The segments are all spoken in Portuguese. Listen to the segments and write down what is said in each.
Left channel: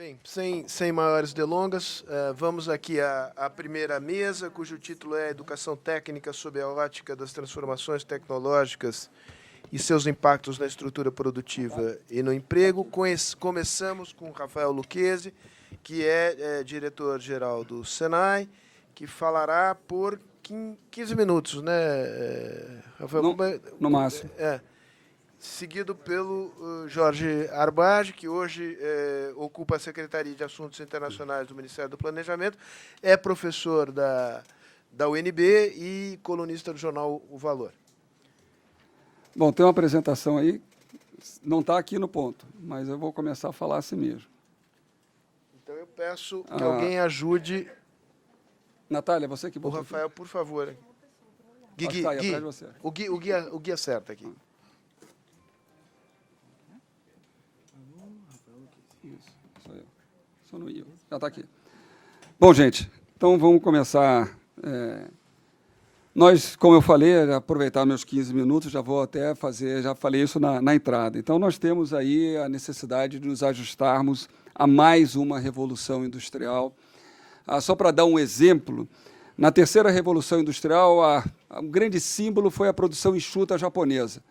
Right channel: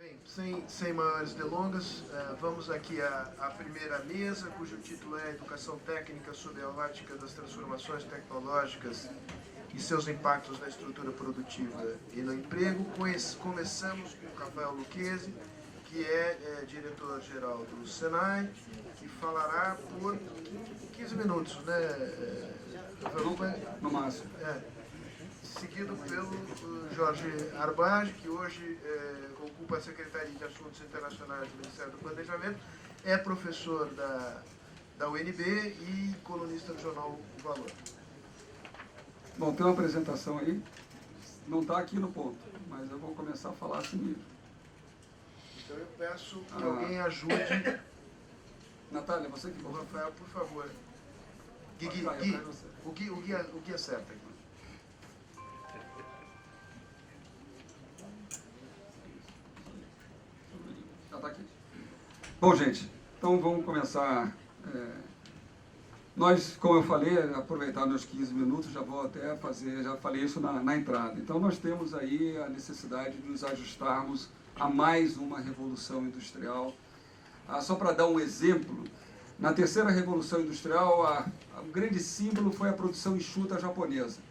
Bem, sem maiores delongas, vamos aqui à primeira mesa, cujo título é Educação Técnica sob a ótica das transformações tecnológicas e seus impactos na estrutura produtiva e no emprego. Começamos com Rafael Lucchesi, que é diretor-geral do Senai, que falará por 15 minutos, né, Rafael? No máximo. Seguido pelo Jorge Arbage, que hoje ocupa a Secretaria de Assuntos Internacionais do Ministério do Planejamento, é professor da UNB e colunista do jornal O Valor. Bom, tem uma apresentação aí, não está aqui no ponto, mas eu vou começar a falar assim mesmo. Então eu peço que alguém ajude. Natália, você que... O Rafael, por favor. Gui, você. O Gui acerta aqui. Já está aqui. Bom, gente, então vamos começar. Nós, como eu falei, aproveitar meus 15 minutos, já vou até fazer, já falei isso na entrada. Então, nós temos aí a necessidade de nos ajustarmos a mais uma revolução industrial. Só para dar um exemplo, na terceira revolução industrial, o grande símbolo foi a produção enxuta japonesa.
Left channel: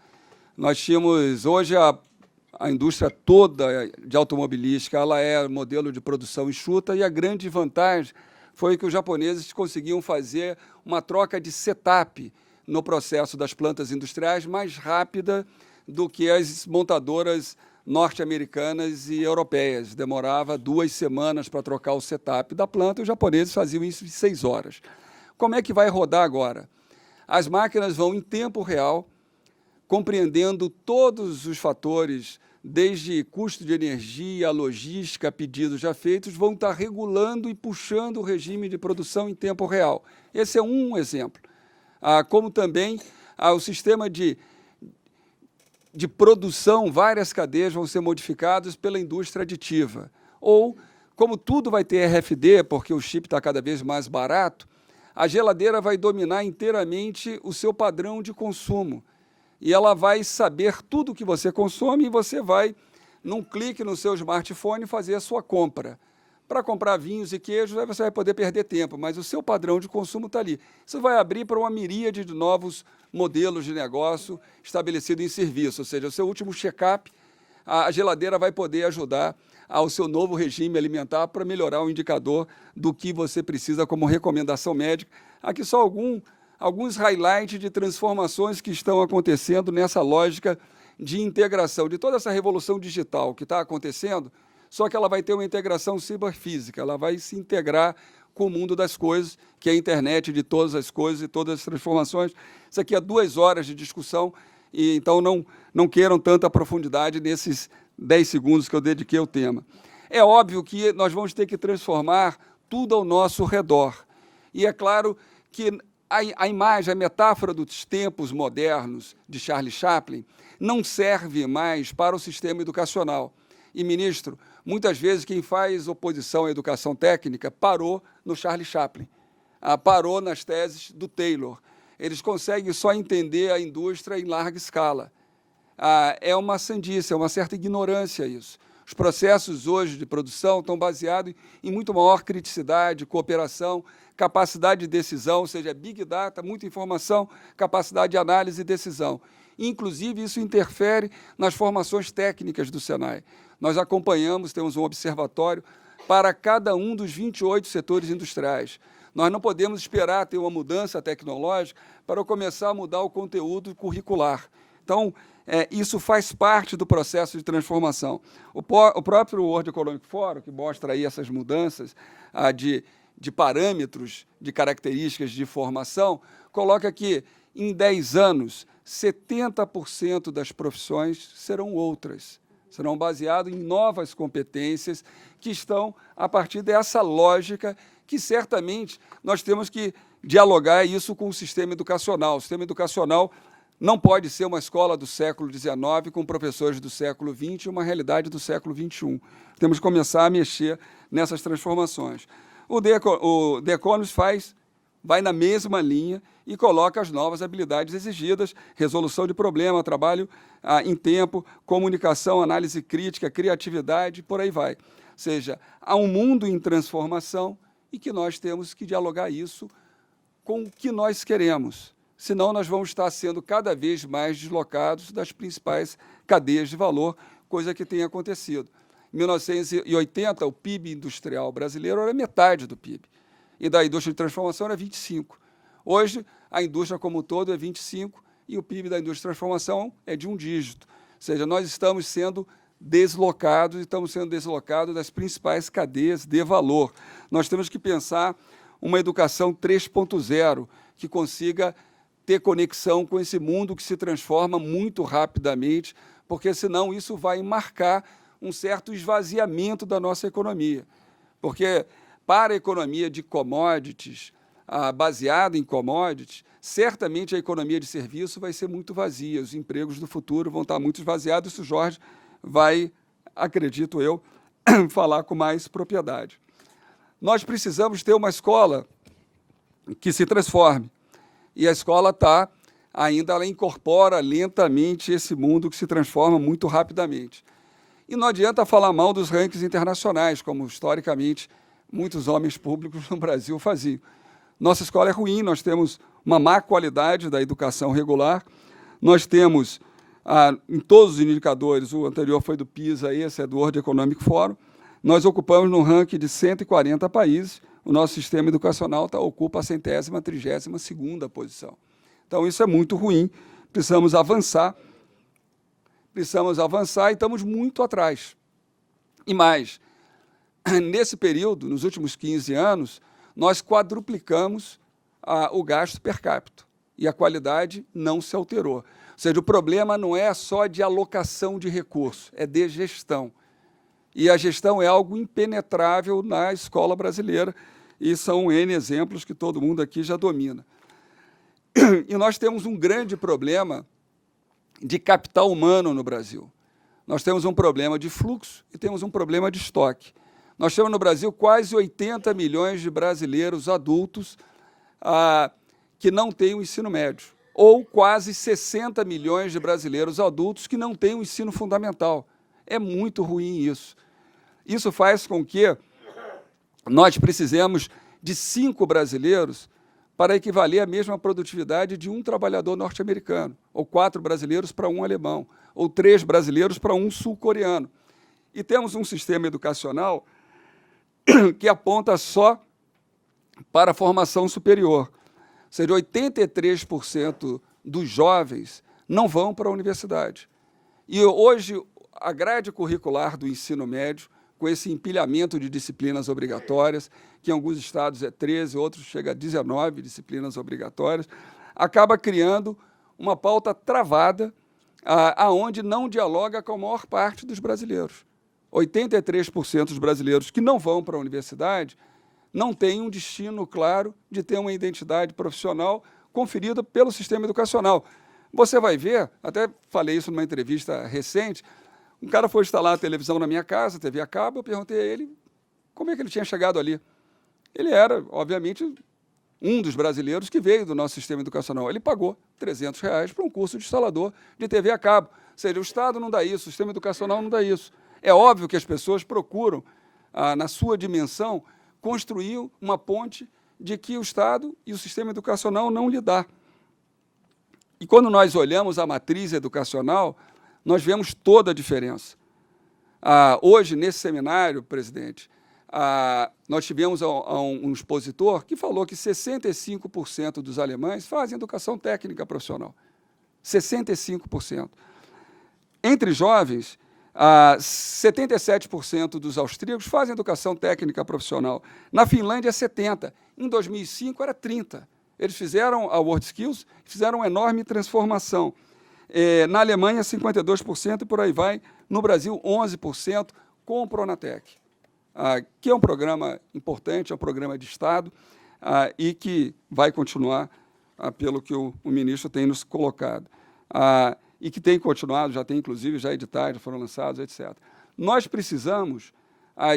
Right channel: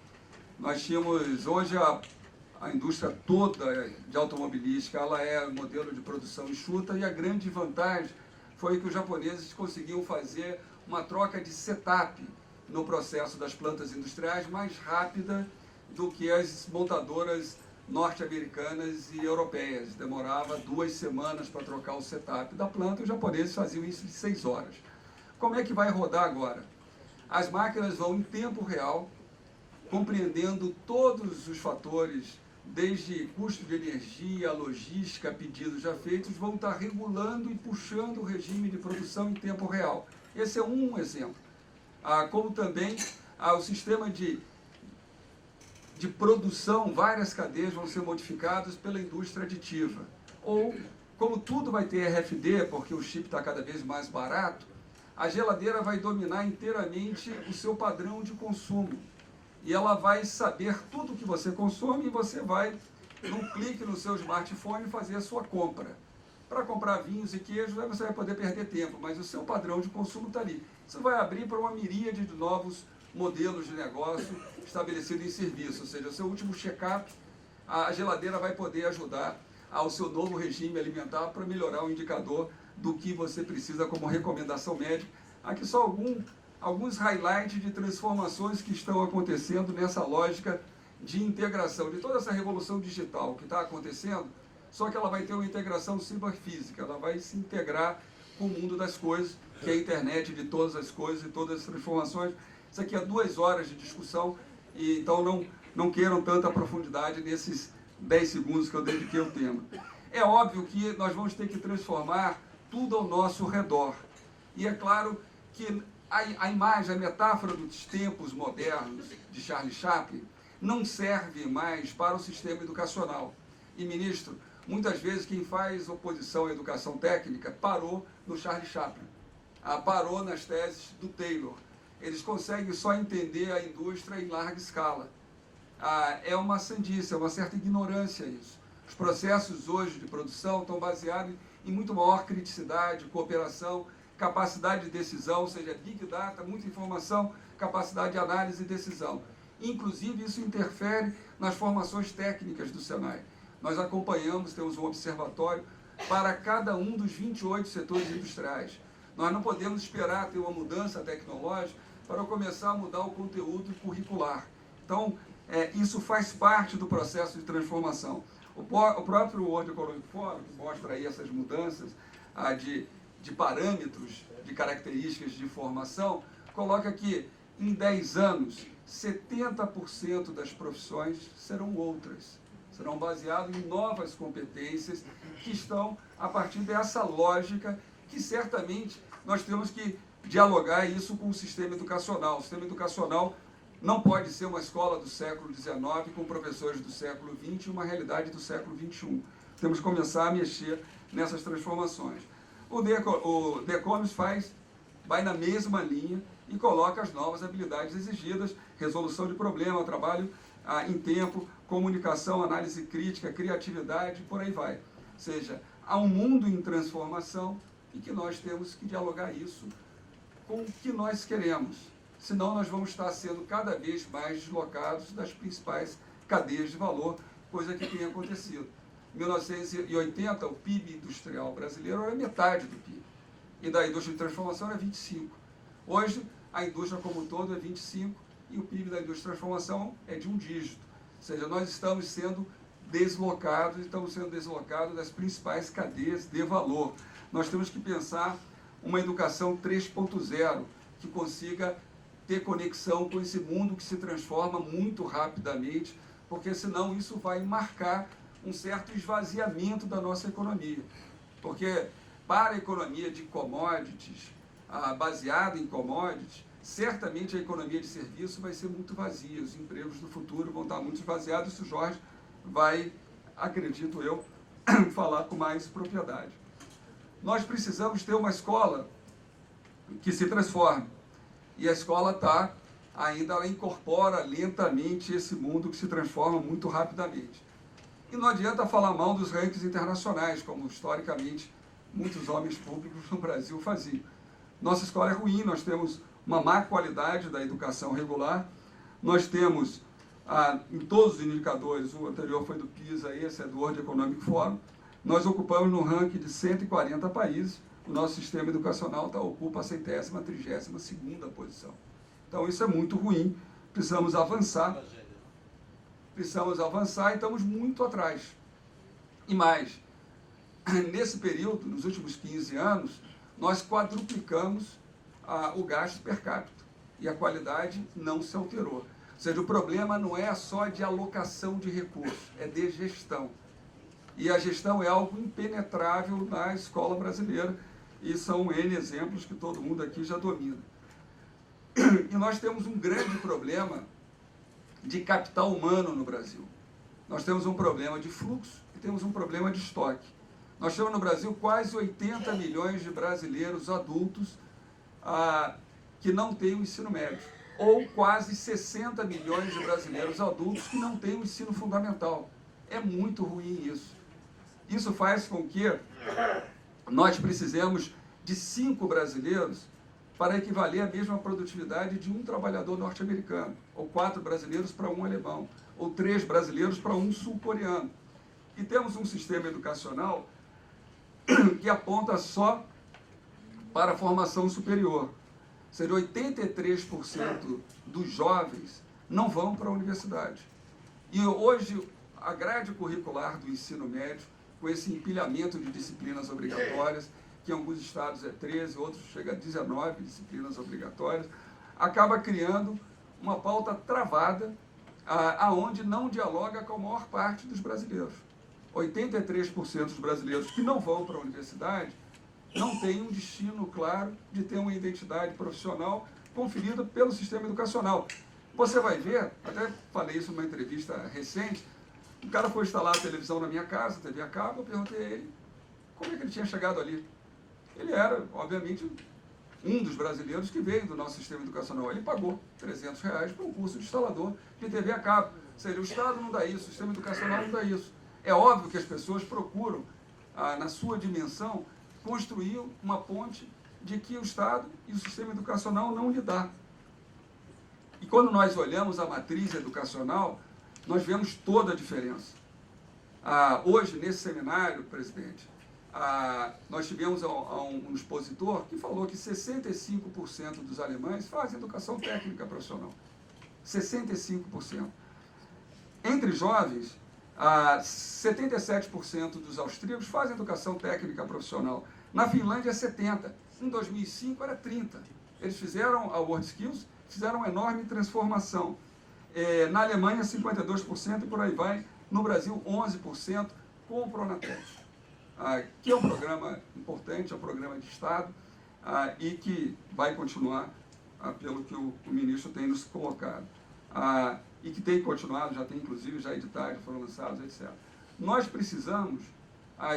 Nós tínhamos hoje a indústria toda de automobilística, ela é modelo de produção enxuta, e a grande vantagem foi que os japoneses conseguiam fazer uma troca de setup no processo das plantas industriais mais rápida do que as montadoras norte-americanas e europeias. Demorava 2 semanas para trocar o setup da planta, e os japoneses faziam isso em 6 horas. Como é que vai rodar agora? As máquinas vão em tempo real, compreendendo todos os fatores, desde custo de energia, logística, pedidos já feitos, vão estar regulando e puxando o regime de produção em tempo real. Esse é um exemplo. Como também o sistema de produção, várias cadeias vão ser modificadas pela indústria aditiva. Ou, como tudo vai ter RFD, porque o chip está cada vez mais barato, a geladeira vai dominar inteiramente o seu padrão de consumo. E ela vai saber tudo o que você consome e você vai, num clique no seu smartphone, fazer a sua compra. Para comprar vinhos e queijos, aí você vai poder perder tempo, mas o seu padrão de consumo está ali. Isso vai abrir para uma miríade de novos modelos de negócio estabelecidos em serviço, ou seja, o seu último check-up, a geladeira vai poder ajudar ao seu novo regime alimentar para melhorar o indicador do que você precisa como recomendação médica. Aqui só alguns highlights de transformações que estão acontecendo nessa lógica de integração, de toda essa revolução digital que está acontecendo, só que ela vai ter uma integração ciberfísica, ela vai se integrar com o mundo das coisas, que é a internet de todas as coisas e todas as transformações. Isso aqui é 2 horas de discussão, e então não queiram tanta profundidade nesses 10 segundos que eu dediquei ao tema. É óbvio que nós vamos ter que transformar tudo ao nosso redor. E é claro que a imagem, a metáfora dos tempos modernos de Charlie Chaplin não serve mais para o sistema educacional. E, ministro, muitas vezes quem faz oposição à educação técnica parou no Charlie Chaplin, parou nas teses do Taylor. Eles conseguem só entender a indústria em larga escala. É uma sandice, é uma certa ignorância isso. Os processos hoje de produção estão baseados em muito maior criticidade, cooperação, capacidade de decisão, ou seja, Big Data, muita informação, capacidade de análise e decisão. Inclusive, isso interfere nas formações técnicas do Senai. Nós acompanhamos, temos um observatório para cada um dos 28 setores industriais. Nós não podemos esperar ter uma mudança tecnológica para começar a mudar o conteúdo curricular. Então, isso faz parte do processo de transformação. O próprio World Economic Forum, que mostra aí essas mudanças de parâmetros, de características de formação, coloca que, em 10 anos, 70% das profissões serão outras, serão baseadas em novas competências que estão a partir dessa lógica que, certamente, nós temos que dialogar isso com o sistema educacional. O sistema educacional não pode ser uma escola do século XIX com professores do século XX e uma realidade do século XXI. Temos que começar a mexer nessas transformações. O The Economist vai na mesma linha e coloca as novas habilidades exigidas, resolução de problema, trabalho em tempo, comunicação, análise crítica, criatividade, por aí vai. seja, há um mundo em transformação e que nós temos que dialogar isso com o que nós queremos. Senão, nós vamos estar sendo cada vez mais deslocados das principais cadeias de valor, coisa que tem acontecido. Em 1980, o PIB industrial brasileiro era metade do PIB, e da indústria de transformação era 25%. Hoje, a indústria como um todo é 25%, e o PIB da indústria de transformação é de um dígito. Ou seja, nós estamos sendo deslocados das principais cadeias de valor. Nós temos que pensar uma educação 3.0, que consiga ter conexão com esse mundo que se transforma muito rapidamente, porque, senão, isso vai marcar um certo esvaziamento da nossa economia. Porque, para a economia de commodities, baseada em commodities, certamente a economia de serviço vai ser muito vazia, os empregos do futuro vão estar muito esvaziados, isso o Jorge vai, acredito eu, falar com mais propriedade. Nós precisamos ter uma escola que se transforme, e a escola ela incorpora lentamente esse mundo que se transforma muito rapidamente. E não adianta falar mal dos rankings internacionais, como, historicamente, muitos homens públicos no Brasil faziam. Nossa escola é ruim, nós temos uma má qualidade da educação regular, nós temos, em todos os indicadores, o anterior foi do PISA, esse é do World Economic Forum, nós ocupamos no ranking de 140 países, o nosso sistema educacional ocupa a 132ª posição. Então, isso é muito ruim, precisamos avançar e estamos muito atrás. E mais, nesse período, nos últimos 15 anos, nós quadruplicamos o gasto per capita e a qualidade não se alterou. Ou seja, o problema não é só de alocação de recursos, é de gestão. E a gestão é algo impenetrável na escola brasileira, e são N exemplos que todo mundo aqui já domina. E nós temos um grande problema de capital humano no Brasil. Nós temos um problema de fluxo e temos um problema de estoque. Nós temos no Brasil quase 80 milhões de brasileiros adultos que não têm o ensino médio, ou quase 60 milhões de brasileiros adultos que não têm o ensino fundamental. É muito ruim isso. Isso faz com que nós precisemos de 5 brasileiros para equivaler à mesma produtividade de um trabalhador norte-americano, ou 4 brasileiros para um alemão, ou 3 brasileiros para um sul-coreano. E temos um sistema educacional que aponta só para a formação superior. Ou seja, 83% dos jovens não vão para a universidade. E hoje, a grade curricular do ensino médio, com esse empilhamento de disciplinas obrigatórias, que em alguns estados é 13, outros chega a 19 disciplinas obrigatórias, acaba criando uma pauta travada, aonde não dialoga com a maior parte dos brasileiros. 83% dos brasileiros que não vão para a universidade não têm um destino claro de ter uma identidade profissional conferida pelo sistema educacional. Você vai ver, até falei isso numa entrevista recente, um cara foi instalar a televisão na minha casa, TV a cabo, eu perguntei a ele como é que ele tinha chegado ali. Ele era, obviamente, um dos brasileiros que veio do nosso sistema educacional. Ele pagou R$300 para um curso de instalador de TV a cabo. Ou seja, o Estado não dá isso, o sistema educacional não dá isso. É óbvio que as pessoas procuram, na sua dimensão, construir uma ponte de que o Estado e o sistema educacional não lhe dá. E quando nós olhamos a matriz educacional, nós vemos toda a diferença. Hoje, nesse seminário, presidente, nós tivemos um expositor que falou que 65% dos alemães fazem educação técnica profissional. 65%. Entre jovens, 77% dos austríacos fazem educação técnica profissional. Na Finlândia, 70%. Em 2005, era 30%. Eles fizeram a WorldSkills, fizeram uma enorme transformação. Na Alemanha, 52% e por aí vai. No Brasil, 11% com o Pronatec, que é um programa importante, é um programa de Estado e que vai continuar, pelo que o ministro tem nos colocado. E que tem continuado, já tem, inclusive, já editados, já foram lançados, etc. Nós precisamos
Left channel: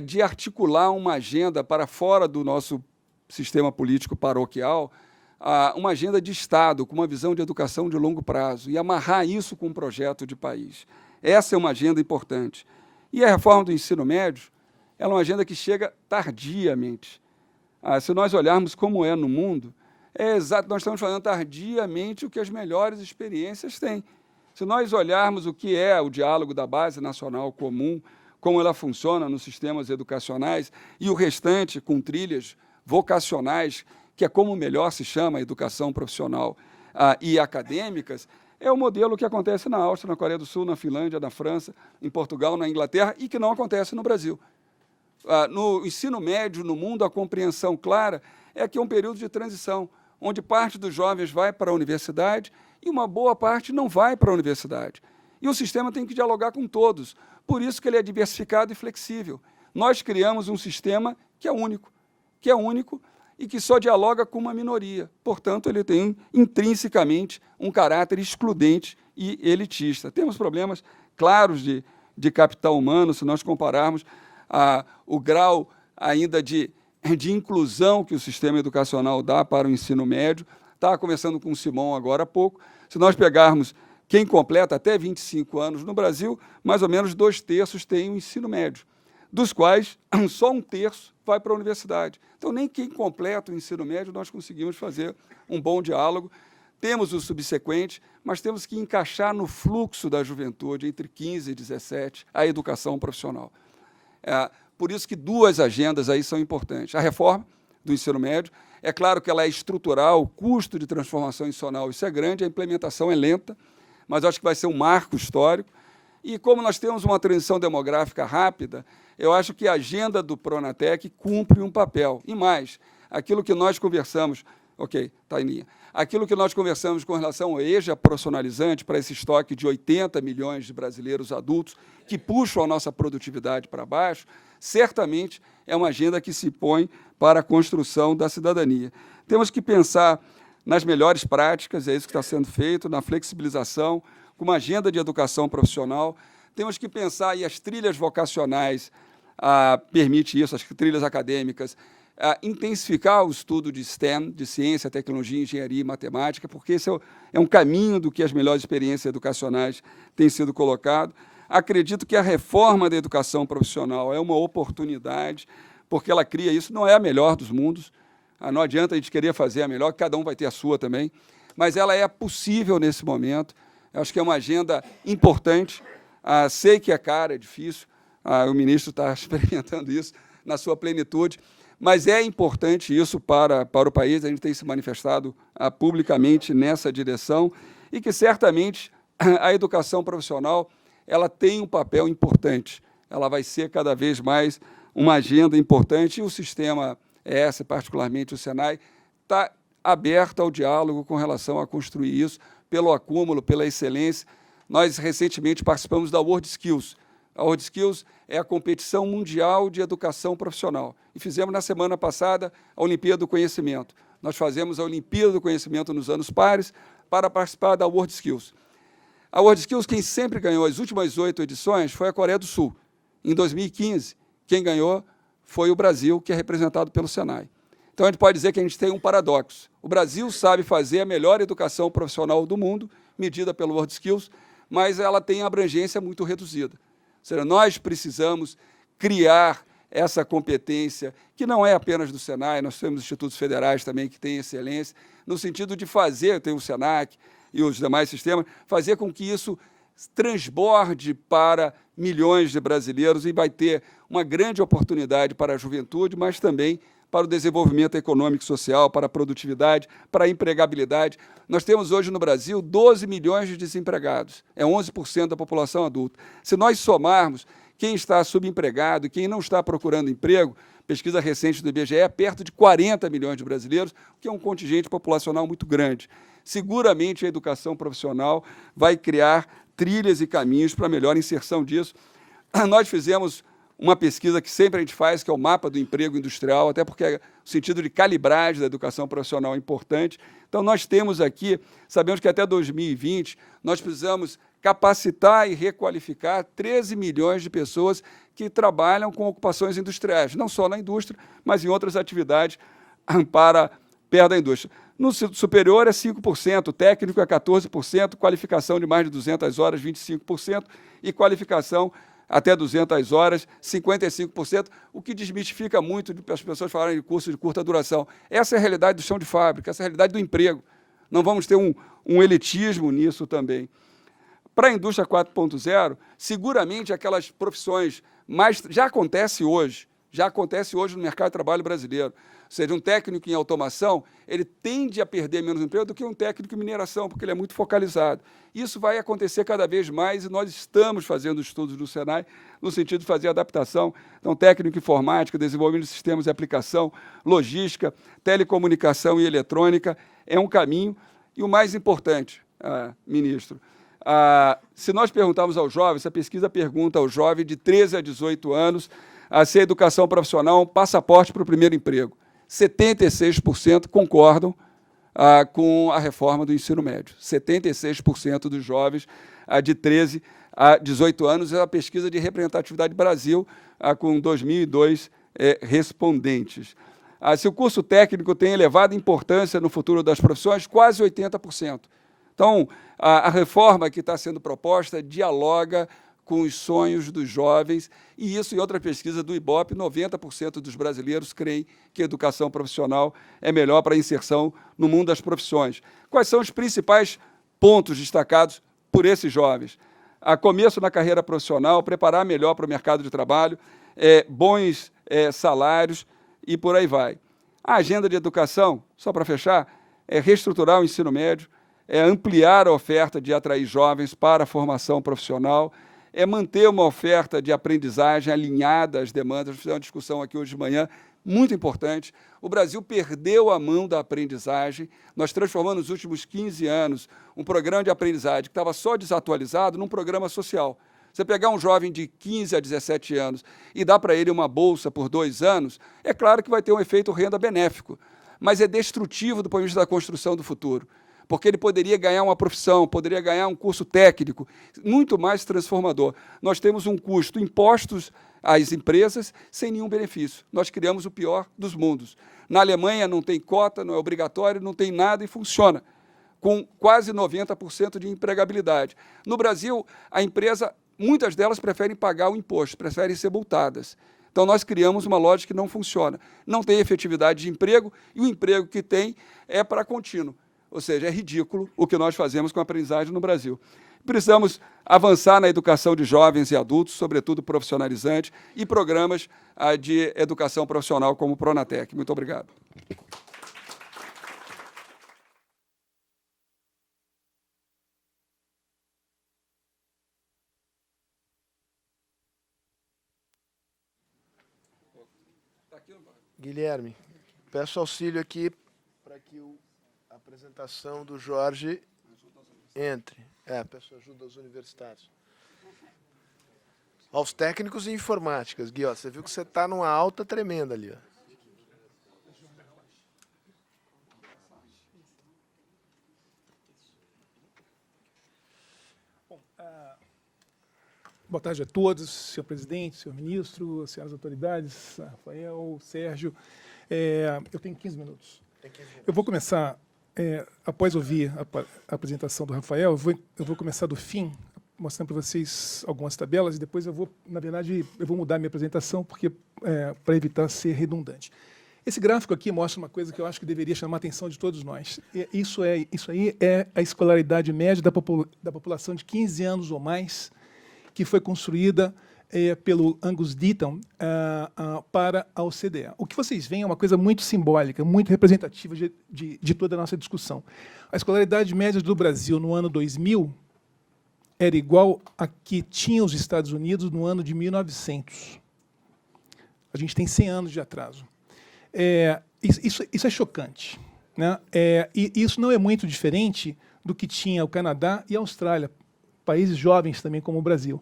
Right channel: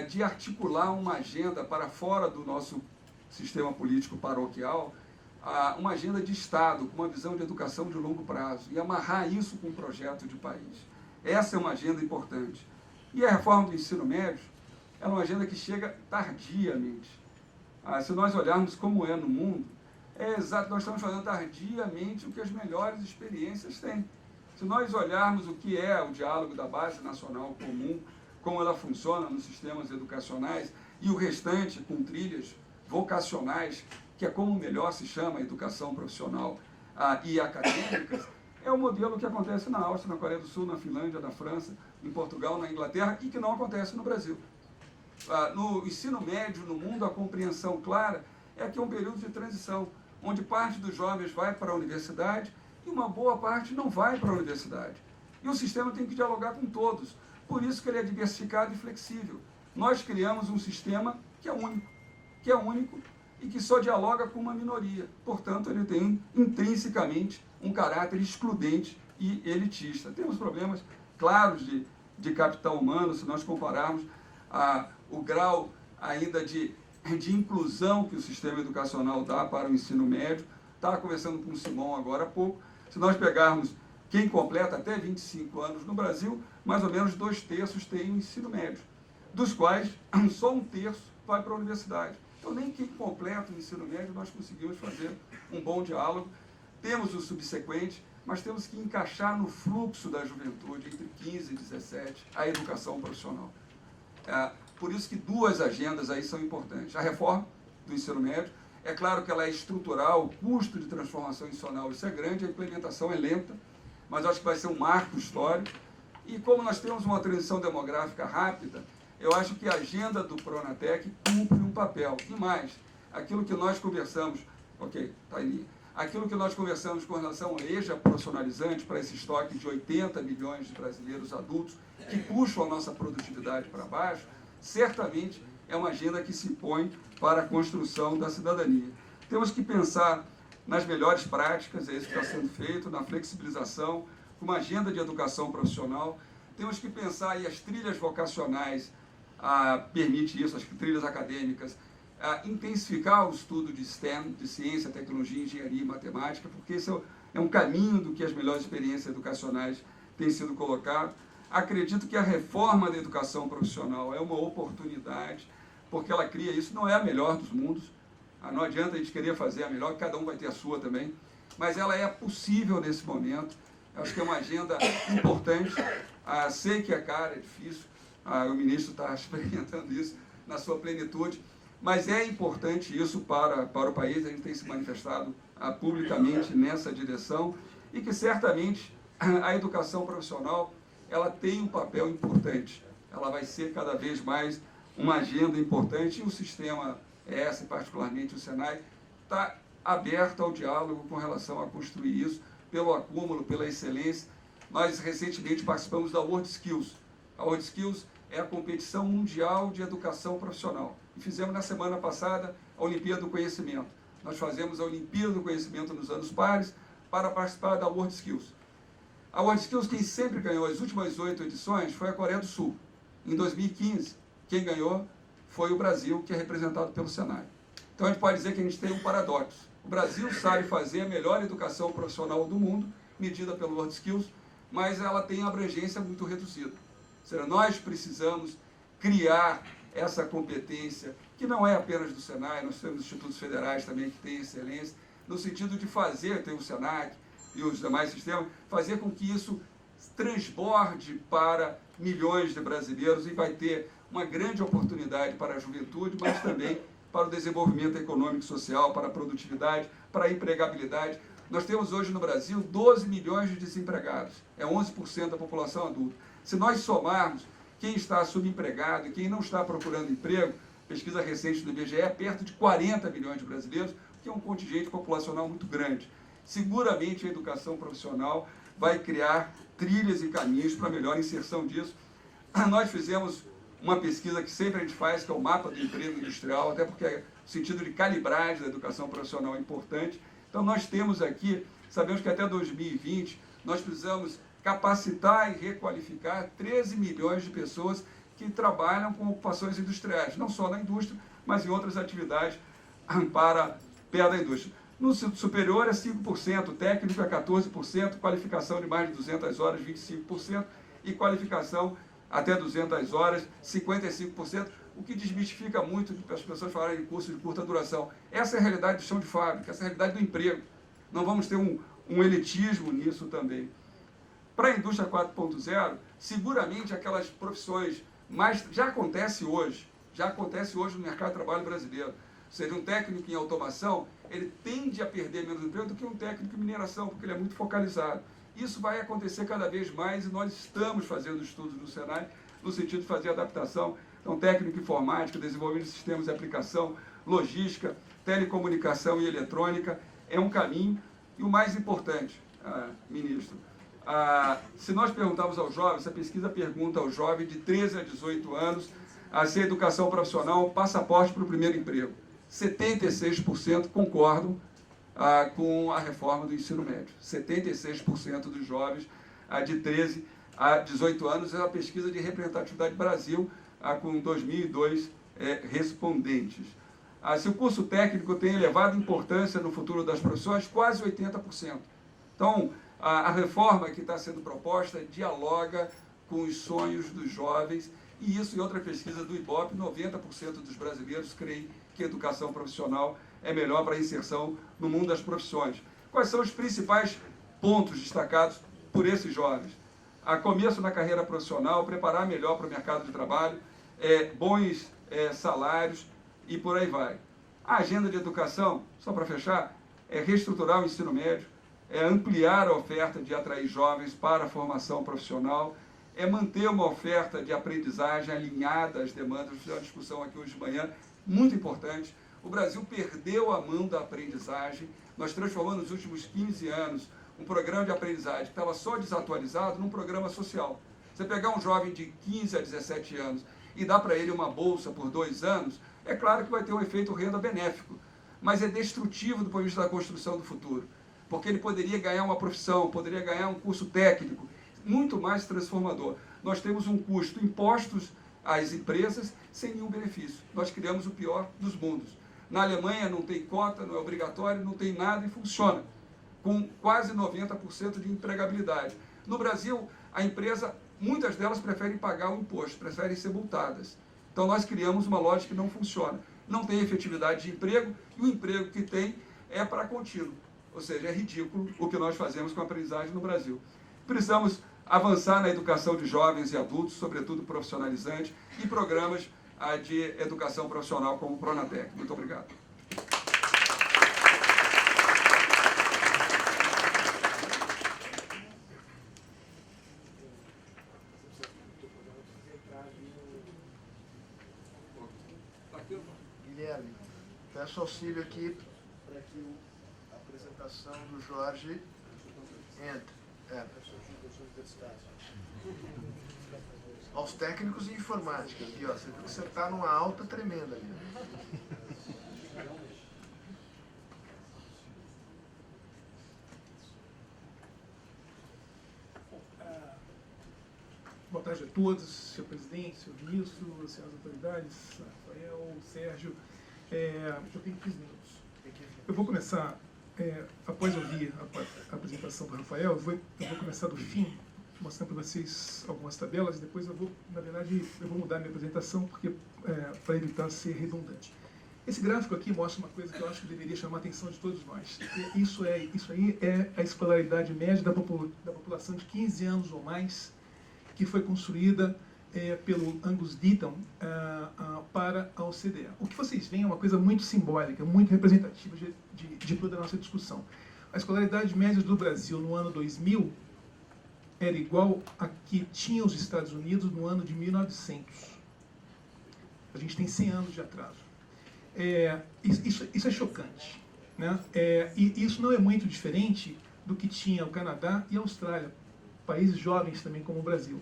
de articular uma agenda para fora do nosso sistema político paroquial, uma agenda de Estado, com uma visão de educação de longo prazo, e amarrar isso com um projeto de país. Essa é uma agenda importante. E a reforma do ensino médio, ela é uma agenda que chega tardiamente. Se nós olharmos como é no mundo, é exato, nós estamos fazendo tardiamente o que as melhores experiências têm. Se nós olharmos o que é o diálogo da Base Nacional Comum, como ela funciona nos sistemas educacionais, e o restante com trilhas vocacionais, que é como melhor se chama a educação profissional e acadêmicas, é o modelo que acontece na Áustria, na Coreia do Sul, na Finlândia, na França, em Portugal, na Inglaterra, e que não acontece no Brasil. No ensino médio, no mundo, a compreensão clara é que é um período de transição, onde parte dos jovens vai para a universidade e uma boa parte não vai para a universidade. E o sistema tem que dialogar com todos. Por isso que ele é diversificado e flexível. Nós criamos um sistema que é único e que só dialoga com uma minoria. Portanto, ele tem intrinsecamente um caráter excludente e elitista. Temos problemas claros de capital humano, se nós compararmos o grau ainda de inclusão que o sistema educacional dá para o ensino médio. Estava conversando com o Simão agora há pouco. Se nós pegarmos quem completa até 25 anos no Brasil, mais ou menos 2/3 têm o ensino médio, dos quais só 1/3 vai para a universidade. Então, nem quem completa o ensino médio nós conseguimos fazer um bom diálogo. Temos o subsequente, mas temos que encaixar no fluxo da juventude, entre 15 e 17, a educação profissional. Por isso que duas agendas aí são importantes. A reforma do ensino médio, é claro que ela é estrutural, o custo de transformação institucional, isso é grande, a implementação é lenta, mas acho que vai ser um marco histórico. E como nós temos uma transição demográfica rápida, eu acho que a agenda do Pronatec cumpre um papel. E mais, aquilo que nós conversamos, está em linha, aquilo que nós conversamos com relação ao EJA profissionalizante, para esse estoque de 80 milhões de brasileiros adultos, que puxam a nossa produtividade para baixo, certamente é uma agenda que se põe para a construção da cidadania. Temos que pensar nas melhores práticas, é isso que está sendo feito, na flexibilização, com uma agenda de educação profissional. Temos que pensar, e as trilhas vocacionais permite isso, as trilhas acadêmicas, intensificar o estudo de STEM, de ciência, tecnologia, engenharia e matemática, porque esse é um caminho do que as melhores experiências educacionais têm sido colocado. Acredito que a reforma da educação profissional é uma oportunidade, porque ela cria isso, não é a melhor dos mundos, não adianta a gente querer fazer a melhor, cada um vai ter a sua também, mas ela é possível nesse momento. Eu acho que é uma agenda importante. Sei que é cara, é difícil, o ministro está experimentando isso na sua plenitude, mas é importante isso para o país, a gente tem se manifestado publicamente nessa direção, e que certamente a educação profissional ela tem um papel importante, ela vai ser cada vez mais uma agenda importante, e o sistema ES, particularmente o Senai, está aberto ao diálogo com relação a construir isso, pelo acúmulo, pela excelência. Nós, recentemente, participamos da World Skills. A World Skills é a competição mundial de educação profissional. E fizemos, na semana passada, a Olimpíada do Conhecimento. Nós fazemos a Olimpíada do Conhecimento nos anos pares para participar da World Skills. A World Skills, quem sempre ganhou as últimas 8 edições foi a Coreia do Sul. Em 2015, quem ganhou foi o Brasil, que é representado pelo Senai. Então, a gente pode dizer que a gente tem um paradoxo. O Brasil sabe fazer a melhor educação profissional do mundo, medida pelo World Skills, mas ela tem uma abrangência muito reduzida. Ou seja, nós precisamos criar essa competência, que não é apenas do Senai, nós temos institutos federais também que têm excelência, no sentido de fazer, tem o Senac e os demais sistemas, fazer com que isso transborde para milhões de brasileiros, e vai ter uma grande oportunidade para a juventude, mas também para o desenvolvimento econômico e social, para a produtividade, para a empregabilidade. Nós temos hoje no Brasil 12 milhões de desempregados, é 11% da população adulta. Se nós somarmos quem está subempregado e quem não está procurando emprego, pesquisa recente do IBGE, é perto de 40 milhões de brasileiros, que é um contingente populacional muito grande. Seguramente a educação profissional vai criar trilhas e caminhos para a melhor inserção disso. Nós fizemos uma pesquisa que sempre a gente faz, que é o mapa do emprego industrial, até porque o sentido de calibragem da educação profissional é importante. Então, nós temos aqui, sabemos que até 2020, nós precisamos capacitar e requalificar 13 milhões de pessoas que trabalham com ocupações industriais, não só na indústria, mas em outras atividades para perto da indústria. No superior é 5%, técnico é 14%, qualificação de mais de 200 horas, 25%, e qualificação até 200 horas, 55%, o que desmistifica muito as pessoas falarem de curso de curta duração. Essa é a realidade do chão de fábrica, essa é a realidade do emprego. Não vamos ter um elitismo nisso também. Para a indústria 4.0, seguramente aquelas profissões mais... Já acontece hoje no mercado de trabalho brasileiro. Ou seja, um técnico em automação, ele tende a perder menos emprego do que um técnico em mineração, porque ele é muito focalizado. Isso vai acontecer cada vez mais e nós estamos fazendo estudos no Senai no sentido de fazer adaptação. Então, técnico em informática, desenvolvimento de sistemas de aplicação, logística, telecomunicação e eletrônica é um caminho. E o mais importante, ministro, se nós perguntarmos aos jovens, a pesquisa pergunta ao jovem de 13 a 18 anos se a educação profissional é um passaporte para o primeiro emprego. 76% concordam com a reforma do ensino médio. 76% dos jovens de 13 a 18 anos é a pesquisa de representatividade Brasil, com 2.002 respondentes. Se o curso técnico tem elevada importância no futuro das profissões, quase 80%. Então, a reforma que está sendo proposta dialoga com os sonhos dos jovens, e isso, em outra pesquisa do IBOP, 90% dos brasileiros creem que a educação profissional é melhor para a inserção no mundo das profissões. Quais são os principais pontos destacados por esses jovens? Começo na carreira profissional, preparar melhor para o mercado de trabalho, bons salários e por aí vai. A agenda de educação, só para fechar, é reestruturar o ensino médio, é ampliar a oferta de atrair jovens para a formação profissional, é manter uma oferta de aprendizagem alinhada às demandas. Fizemos uma discussão aqui hoje de manhã, muito importante. O Brasil perdeu a mão da aprendizagem. Nós transformamos nos últimos 15 anos um programa de aprendizagem que estava só desatualizado num programa social. Você pegar um jovem de 15 a 17 anos e dar para ele uma bolsa por 2 anos, é claro que vai ter um efeito renda benéfico, mas é destrutivo do ponto de vista da construção do futuro, porque ele poderia ganhar uma profissão, poderia ganhar um curso técnico, muito mais transformador. Nós temos um custo, impostos às empresas, sem nenhum benefício. Nós criamos o pior dos mundos. Na Alemanha não tem cota, não é obrigatório, não tem nada e funciona, com quase 90% de empregabilidade. No Brasil, a empresa, muitas delas preferem pagar o imposto, preferem ser multadas. Então, nós criamos uma lógica que não funciona. Não tem efetividade de emprego, e o emprego que tem é para contínuo. Ou seja, é ridículo o que nós fazemos com a aprendizagem no Brasil. Precisamos avançar na educação de jovens e adultos, sobretudo profissionalizante, e programas de educação profissional como o Pronatec. Muito obrigado. Guilherme, peço auxílio aqui para que a apresentação do Jorge entre. Peço ajuda aos universitários. Aos técnicos e informáticas. Gui, você viu que você está numa alta tremenda ali. Boa tarde a todos, senhor presidente, senhor ministro, senhoras autoridades, Rafael, Sérgio. Eu tenho 15 minutos. Eu vou começar, após ouvir a apresentação do Rafael, eu vou começar do fim, mostrando para vocês algumas tabelas, e depois eu vou, na verdade, mudar minha apresentação, porque para evitar ser redundante. Esse gráfico aqui mostra uma coisa que eu acho que deveria chamar a atenção de todos nós. Isso aí é a escolaridade média da população de 15 anos ou mais, que foi construída pelo Angus Deaton para a OCDE. O que vocês veem é uma coisa muito simbólica, muito representativa de toda a nossa discussão. A escolaridade média do Brasil no ano 2000 era igual a que tinha os Estados Unidos no ano de 1900. A gente tem 100 anos de atraso. Isso é chocante, né? E isso não é muito diferente do que tinha o Canadá e a Austrália, países jovens também como o Brasil,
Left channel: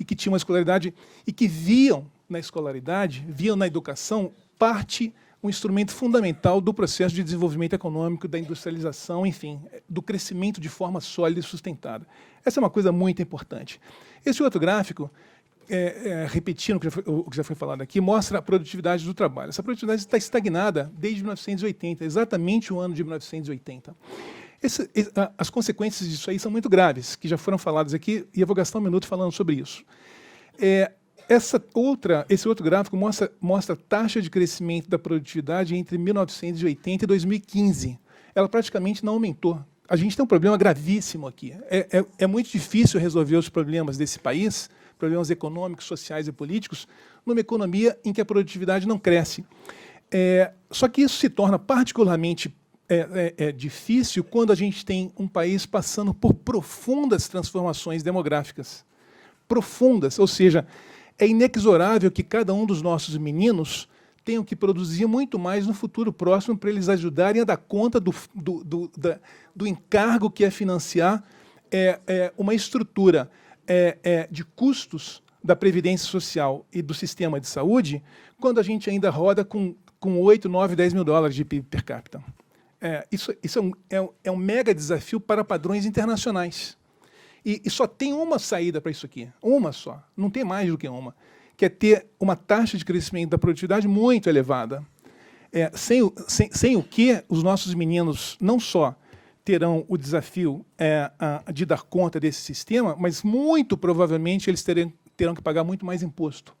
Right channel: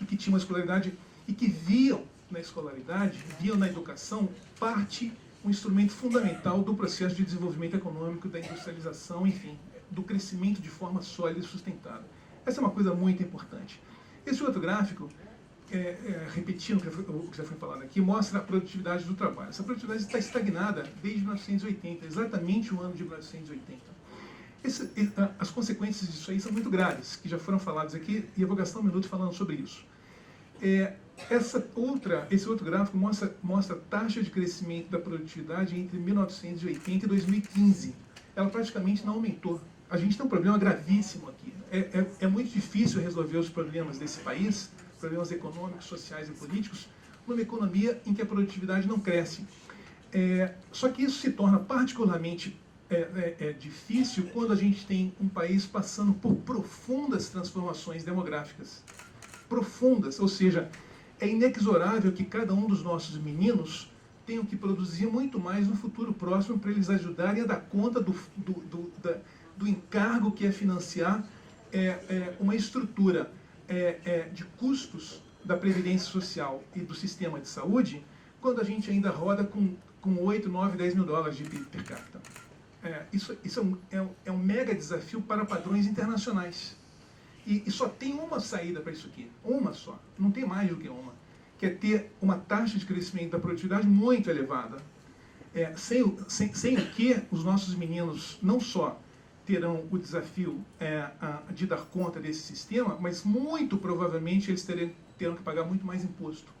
e que tinham uma escolaridade e que viam na escolaridade, viam na educação um instrumento fundamental do processo de desenvolvimento econômico, da industrialização, enfim, do crescimento de forma sólida e sustentada. Essa é uma coisa muito importante. Esse outro gráfico, repetindo o que já foi falado aqui, mostra a produtividade do trabalho. Essa produtividade está estagnada desde 1980, exatamente o ano de 1980. As consequências disso aí são muito graves, que já foram faladas aqui, e eu vou gastar um minuto falando sobre isso. Esse outro gráfico mostra a taxa de crescimento da produtividade entre 1980 e 2015. Ela praticamente não aumentou. A gente tem um problema gravíssimo aqui. É muito difícil resolver os problemas desse país, problemas econômicos, sociais e políticos, numa economia em que a produtividade não cresce. Só que isso se torna particularmente difícil quando a gente tem um país passando por profundas transformações demográficas. Profundas, ou seja, é inexorável que cada um dos nossos meninos tenham que produzir muito mais no futuro próximo para eles ajudarem a dar conta do encargo que é financiar uma estrutura de custos da Previdência Social e do sistema de saúde, quando a gente ainda roda com 8, 9, 10 mil dólares de PIB per capita. Isso é um mega desafio para padrões internacionais. E só tem uma saída para isso aqui, uma só, não tem mais do que uma, que é ter uma taxa de crescimento da produtividade muito elevada. Sem o que os nossos meninos não só terão o desafio de dar conta desse sistema, mas muito provavelmente eles terão que pagar muito mais imposto.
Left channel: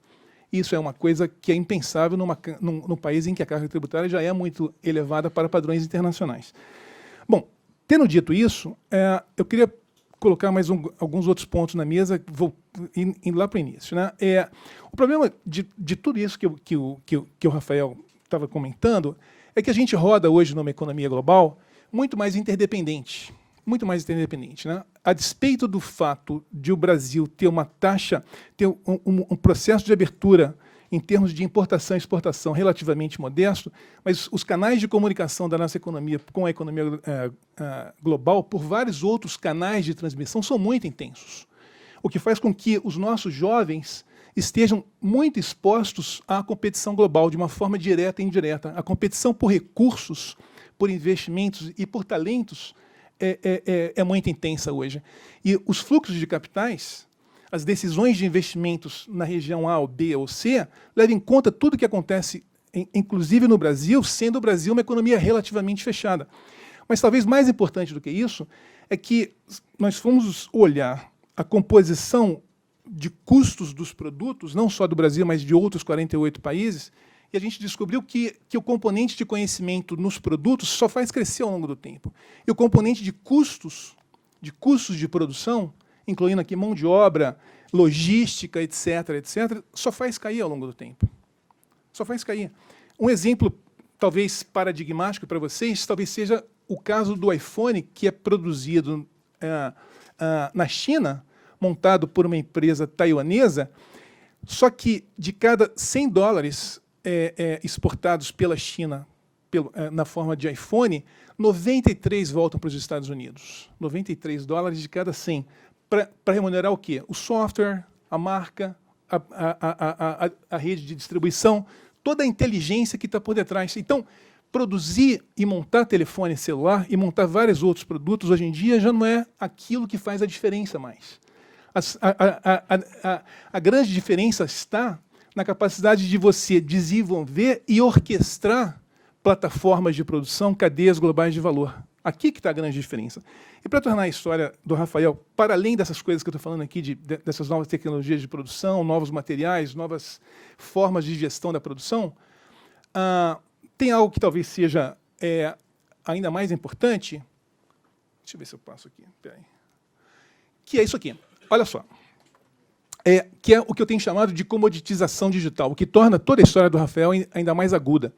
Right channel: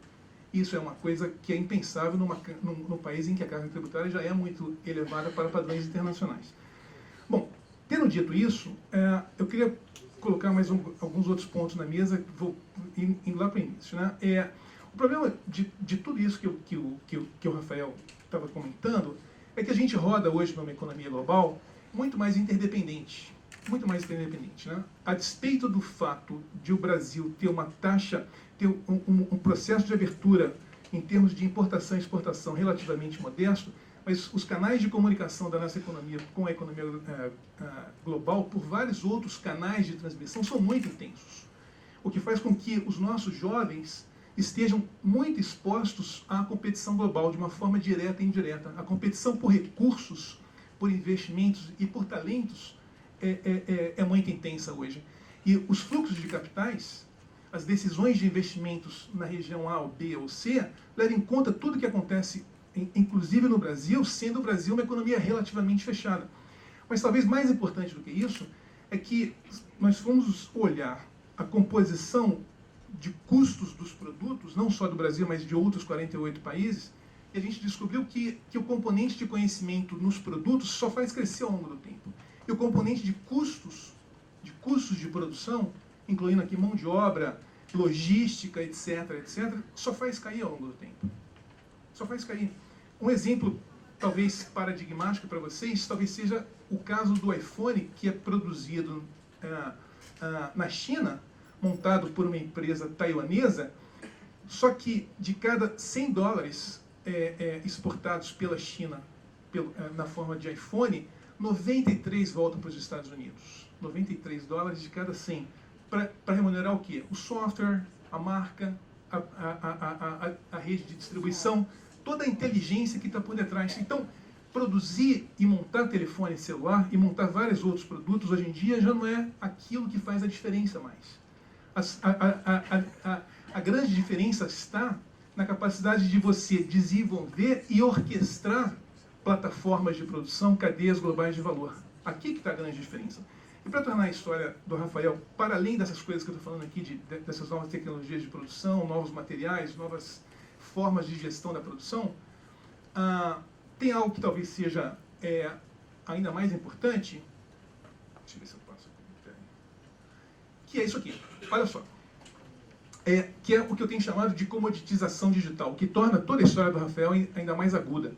Isso é uma coisa que é impensável num país em que a carga tributária já é muito elevada para padrões internacionais. Bom, tendo dito isso, eu queria colocar mais alguns outros pontos na mesa, vou indo lá para o início. Né? O problema de tudo isso que o Rafael estava comentando é que a gente roda hoje numa economia global muito mais interdependente. Muito mais interdependente. Né? A despeito do fato de o Brasil ter uma taxa, ter um processo de abertura em termos de importação e exportação relativamente modesto, mas os canais de comunicação da nossa economia com a economia global, por vários outros canais de transmissão, são muito intensos. O que faz com que os nossos jovens estejam muito expostos à competição global, de uma forma direta e indireta. A competição por recursos, por investimentos e por talentos é muito intensa hoje. E os fluxos de capitais, as decisões de investimentos na região A, ou B ou C, levam em conta tudo o que acontece, inclusive no Brasil, sendo o Brasil uma economia relativamente fechada. Mas talvez mais importante do que isso é que nós fomos olhar a composição de custos dos produtos, não só do Brasil, mas de outros 48 países, e a gente descobriu que o componente de conhecimento nos produtos só faz crescer ao longo do tempo. E o componente de custos de produção, incluindo aqui mão de obra, logística, etc., só faz cair ao longo do tempo. Só faz cair. Um exemplo, talvez paradigmático para vocês, talvez seja o caso do iPhone, que é produzido na China, montado por uma empresa taiwanesa, só que de cada 100 dólares exportados pela China na forma de iPhone, 93 voltam para os Estados Unidos. 93 dólares de cada 100. Para remunerar o quê? O software, a marca, a rede de distribuição, toda a inteligência que está por detrás. Então, produzir e montar telefone celular e montar vários outros produtos, hoje em dia, já não é aquilo que faz a diferença mais. A grande diferença está na capacidade de você desenvolver e orquestrar plataformas de produção, cadeias globais de valor. Aqui que está a grande diferença. E para tornar a história do Rafael, para além dessas coisas que eu estou falando aqui, dessas novas tecnologias de produção, novos materiais, novas formas de gestão da produção, tem algo que talvez seja ainda mais importante. Deixa eu ver se eu passo aqui. Peraí. Que é isso aqui. Olha só. Que é o que eu tenho chamado de comoditização digital, o que torna toda a história do Rafael ainda mais aguda.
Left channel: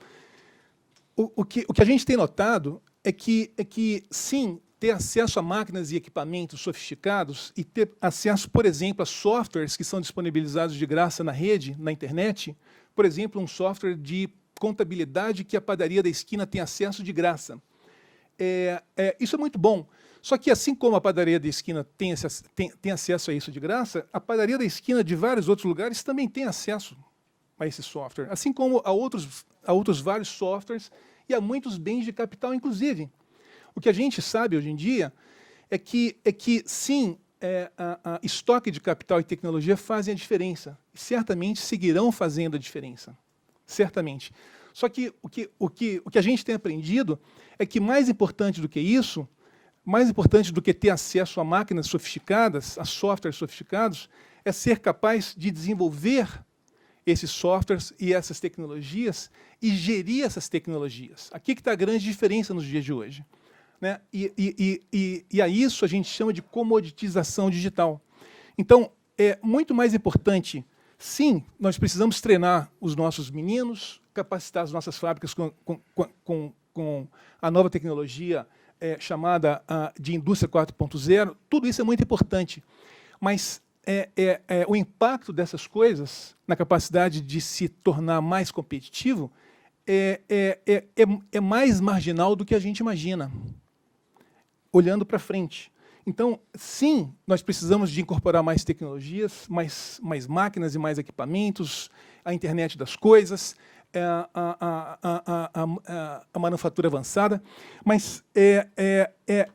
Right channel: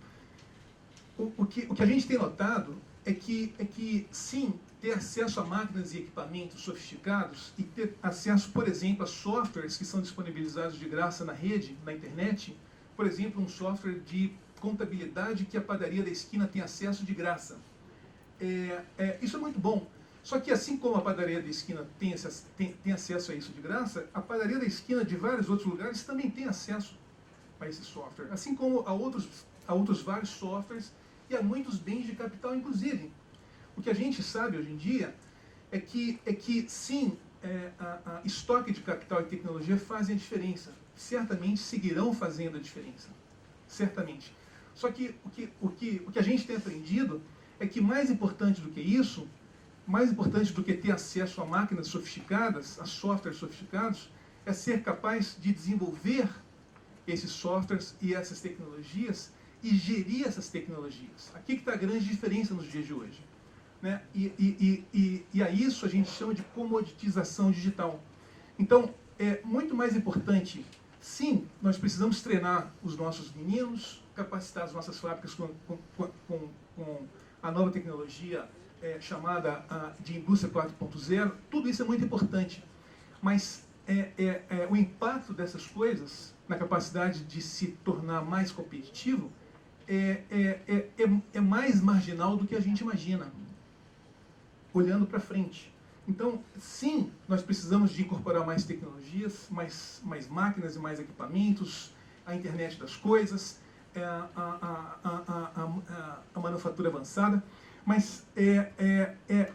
O que a gente tem notado é que, sim, ter acesso a máquinas e equipamentos sofisticados e ter acesso, por exemplo, a softwares que são disponibilizados de graça na rede, na internet, por exemplo, um software de contabilidade que a padaria da esquina tem acesso de graça. Isso é muito bom. Só que, assim como a padaria da esquina tem acesso a isso de graça, a padaria da esquina de vários outros lugares também tem acesso a esse software, assim como a outros vários softwares e a muitos bens de capital, inclusive. O que a gente sabe hoje em dia é que sim, estoque de capital e tecnologia fazem a diferença. Certamente seguirão fazendo a diferença. Certamente. Só que o que a gente tem aprendido é que mais importante do que isso, mais importante do que ter acesso a máquinas sofisticadas, a softwares sofisticados, é ser capaz de desenvolver esses softwares e essas tecnologias e gerir essas tecnologias. Aqui que está a grande diferença nos dias de hoje, né? E a isso a gente chama de comoditização digital. Então, é muito mais importante, sim, nós precisamos treinar os nossos meninos, capacitar as nossas fábricas com a nova tecnologia chamada de indústria 4.0, tudo isso é muito importante. Mas o impacto dessas coisas na capacidade de se tornar mais competitivo é mais marginal do que a gente imagina, olhando para frente. Então, sim, nós precisamos de incorporar mais tecnologias, mais máquinas e mais equipamentos, a internet das coisas, a manufatura avançada, mas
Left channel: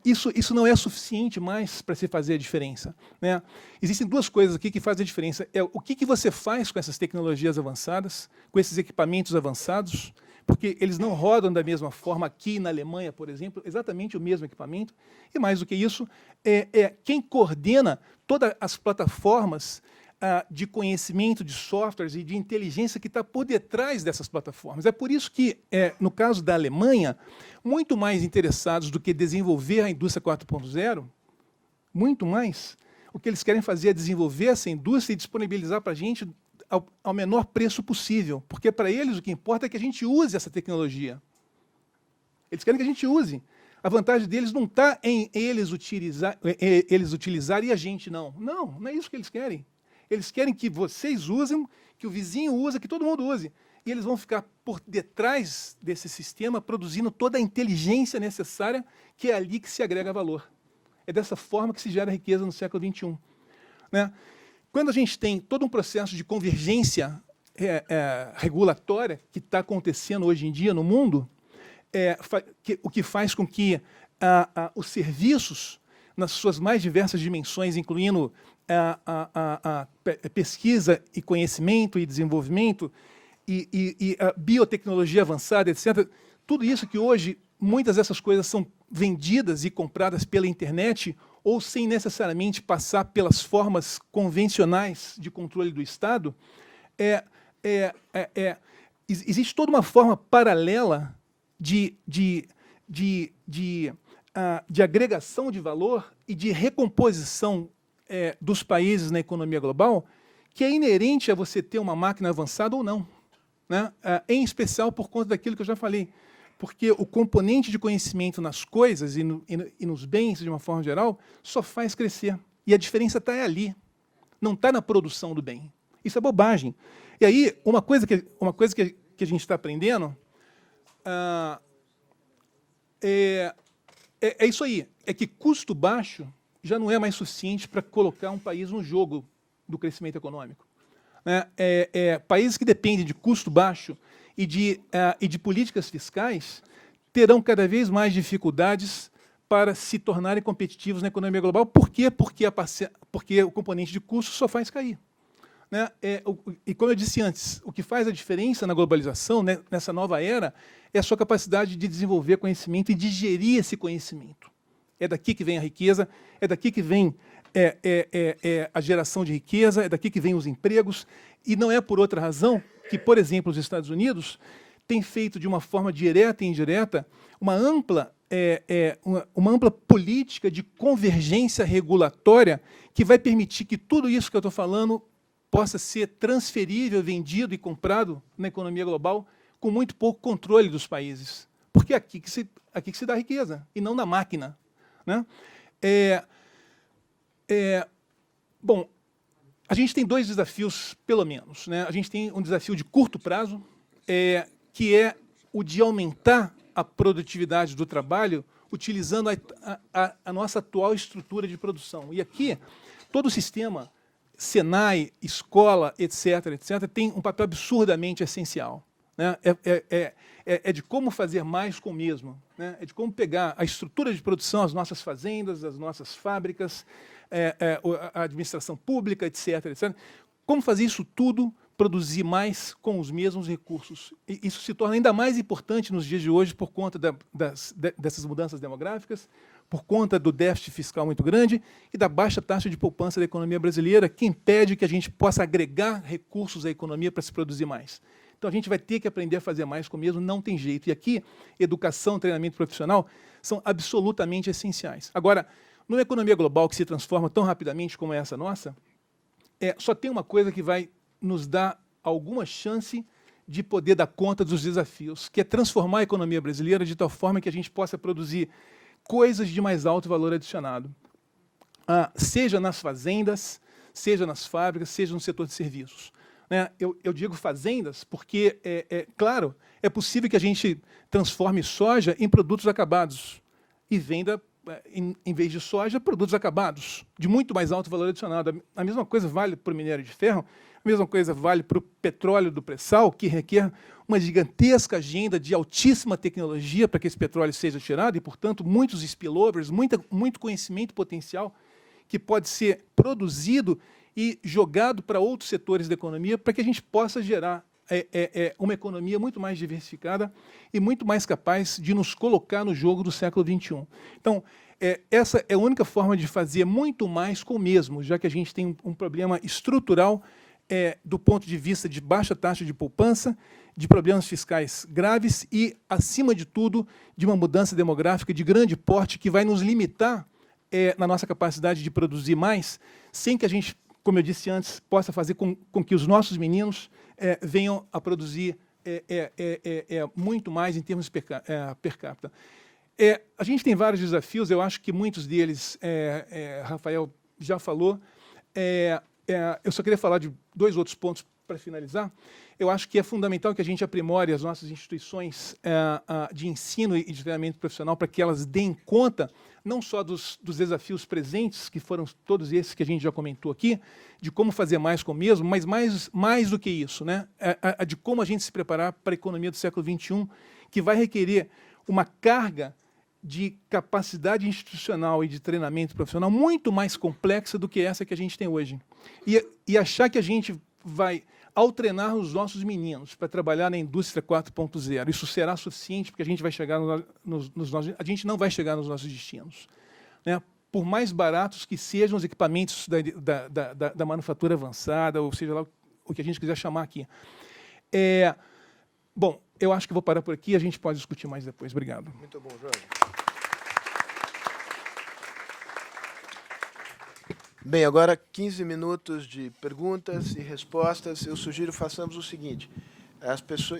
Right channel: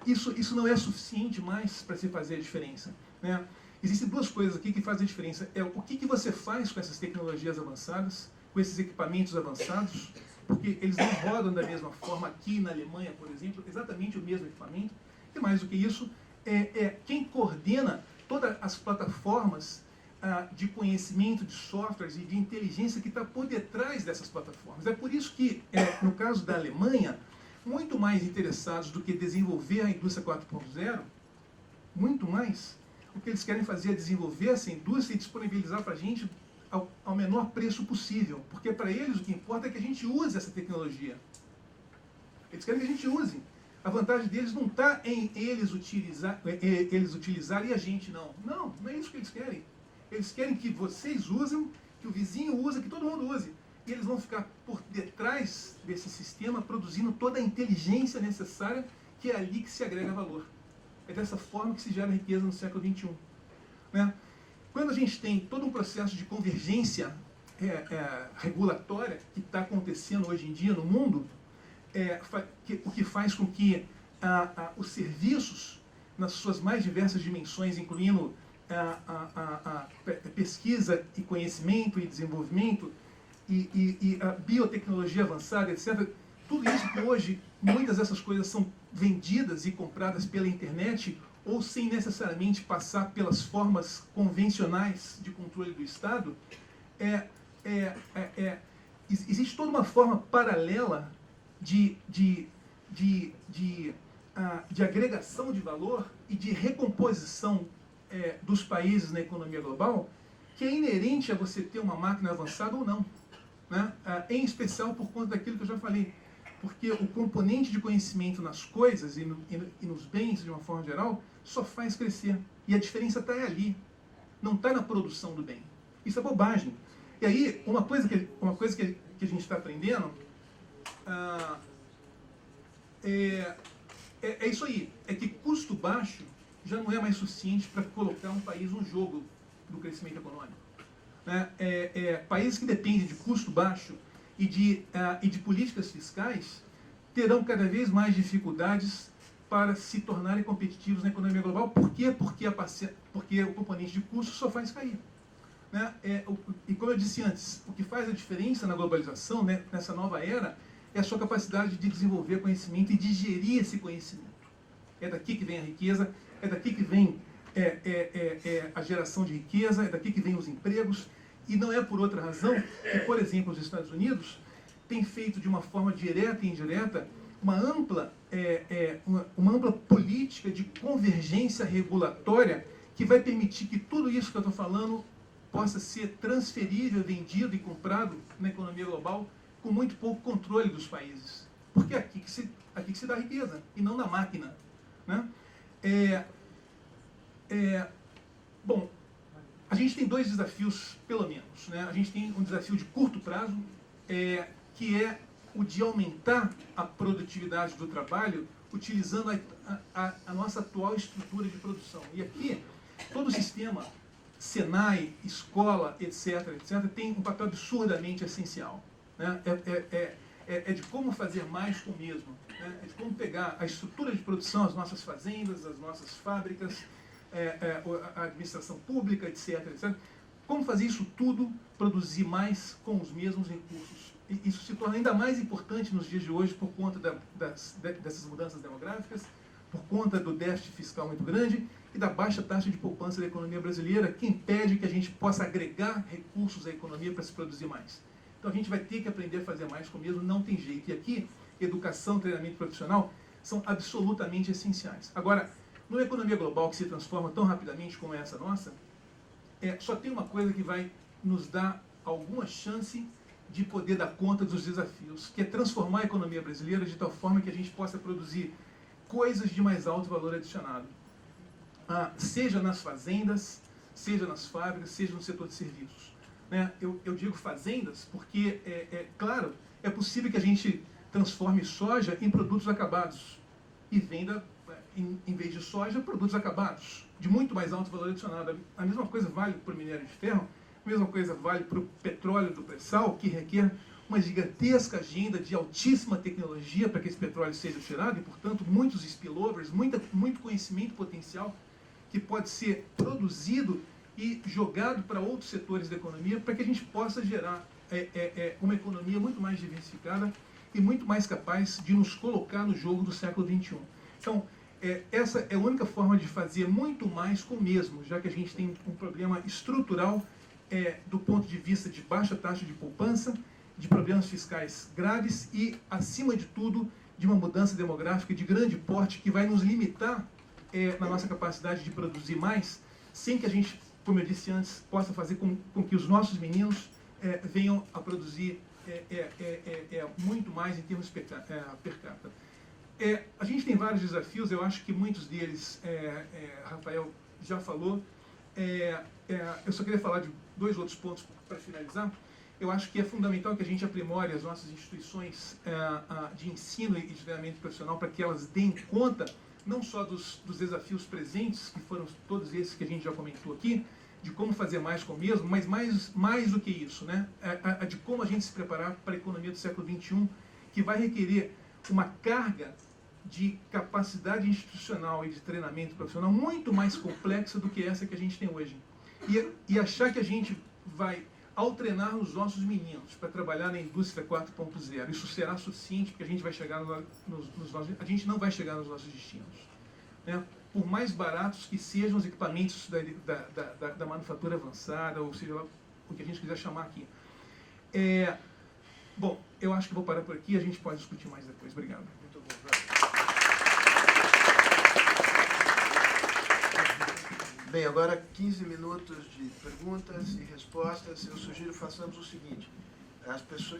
isso não é suficiente mais para se fazer a diferença, né? Existem duas coisas aqui que fazem a diferença. O que você faz com essas tecnologias avançadas, com esses equipamentos avançados, porque eles não rodam da mesma forma aqui na Alemanha, por exemplo, exatamente o mesmo equipamento. E mais do que isso, quem coordena todas as plataformas de conhecimento de softwares e de inteligência que está por detrás dessas plataformas. É por isso que, no caso da Alemanha, muito mais interessados do que desenvolver a indústria 4.0, muito mais, o que eles querem fazer é desenvolver essa indústria e disponibilizar para a gente ao menor preço possível, porque para eles o que importa é que a gente use essa tecnologia. Eles querem que a gente use. A vantagem deles não está em eles utilizarem e a gente não. Não é isso que eles querem. Eles querem que vocês usem, que o vizinho use, que todo mundo use. E eles vão ficar por detrás desse sistema produzindo toda a inteligência necessária, que é ali que se agrega valor. É dessa forma que se gera riqueza no século XXI. Né? Quando a gente tem todo um processo de convergência regulatória que está acontecendo hoje em dia no mundo, o que faz com que os serviços, nas suas mais diversas dimensões, incluindo a pesquisa e conhecimento e desenvolvimento, e a biotecnologia avançada, etc., tudo isso que hoje, muitas dessas coisas são vendidas e compradas pela internet ou sem necessariamente passar pelas formas convencionais de controle do Estado, existe toda uma forma paralela de agregação de valor e de recomposição dos países na economia global, que é inerente a você ter uma máquina avançada ou não, né? Em especial por conta daquilo que eu já falei, porque o componente de conhecimento nas coisas e nos bens, de uma forma geral, só faz crescer. E a diferença está ali, não está na produção do bem. Isso é bobagem. E aí, uma coisa que a gente está aprendendo é isso aí, é que custo baixo já não é mais suficiente para colocar um país no jogo do crescimento econômico. Países que dependem de custo baixo e de políticas fiscais terão cada vez mais dificuldades para se tornarem competitivos na economia global. Por quê? Porque o componente de custo só faz cair. Né? E como eu disse antes, o que faz a diferença na globalização, né, nessa nova era, é a sua capacidade de desenvolver conhecimento e de gerir esse conhecimento. É daqui que vem a riqueza, é daqui que vem a geração de riqueza, é daqui que vem os empregos, e não é por outra razão que, por exemplo, os Estados Unidos têm feito de uma forma direta e indireta uma ampla política de convergência regulatória que vai permitir que tudo isso que eu estou falando possa ser transferível, vendido e comprado na economia global com muito pouco controle dos países. Porque é aqui que se dá riqueza, e não na máquina. Né? Bom, a gente tem dois desafios, pelo menos. Né? A gente tem um desafio de curto prazo, que é o de aumentar a produtividade do trabalho utilizando a nossa atual estrutura de produção. E aqui, todo o sistema, Senai, escola, etc., tem um papel absurdamente essencial. Né? É de como fazer mais com o mesmo. Né? É de como pegar a estrutura de produção, as nossas fazendas, as nossas fábricas, a administração pública, etc. Como fazer isso tudo, produzir mais com os mesmos recursos. E isso se torna ainda mais importante nos dias de hoje por conta dessas mudanças demográficas, por conta do déficit fiscal muito grande e da baixa taxa de poupança da economia brasileira, que impede que a gente possa agregar recursos à economia para se produzir mais. Então, a gente vai ter que aprender a fazer mais com o mesmo, não tem jeito. E aqui, educação, treinamento profissional são absolutamente essenciais. Agora, numa economia global que se transforma tão rapidamente como é essa nossa, só tem uma coisa que vai nos dar alguma chance de poder dar conta dos desafios, que é transformar a economia brasileira de tal forma que a gente possa produzir coisas de mais alto valor adicionado, seja nas fazendas, seja nas fábricas, seja no setor de serviços. Né? Eu digo fazendas porque, claro, é possível que a gente transforme soja em produtos acabados e venda, em vez de soja, produtos acabados, de muito mais alto valor adicionado. A mesma coisa vale para o minério de ferro, a mesma coisa vale para o petróleo do pré-sal, que requer uma gigantesca agenda de altíssima tecnologia para que esse petróleo seja tirado e, portanto, muitos spillovers, muito conhecimento potencial que pode ser produzido e jogado para outros setores da economia para que a gente possa gerar uma economia muito mais diversificada e muito mais capaz de nos colocar no jogo do século XXI. Então, essa é a única forma de fazer muito mais com o mesmo, já que a gente tem um problema estrutural do ponto de vista de baixa taxa de poupança, de problemas fiscais graves e, acima de tudo, de uma mudança demográfica de grande porte que vai nos limitar na nossa capacidade de produzir mais, sem que a gente, como eu disse antes, possa fazer com que os nossos meninos venham a produzir muito mais em termos per capita. A gente tem vários desafios, eu acho que muitos deles, Rafael já falou. Eu só queria falar de 2 outros pontos para finalizar. Eu acho que é fundamental que a gente aprimore as nossas instituições de ensino e de treinamento profissional para que elas deem conta não só dos desafios presentes, que foram todos esses que a gente já comentou aqui, de como fazer mais com o mesmo, mas mais do que isso, né? De como a gente se preparar para a economia do século XXI, que vai requerer uma carga de capacidade institucional e de treinamento profissional muito mais complexa do que essa que a gente tem hoje. E achar que a gente vai, ao treinar os nossos meninos para trabalhar na indústria 4.0, isso será suficiente porque a gente vai chegar a gente não vai chegar nos nossos destinos, né? Por mais baratos que sejam os equipamentos da manufatura avançada, ou seja lá o que a gente quiser chamar aqui. Bom, eu acho que vou parar por aqui, a gente pode discutir mais depois. Obrigado. Muito bom, João. Bem, agora 15 minutos de perguntas e respostas. Eu sugiro façamos o seguinte.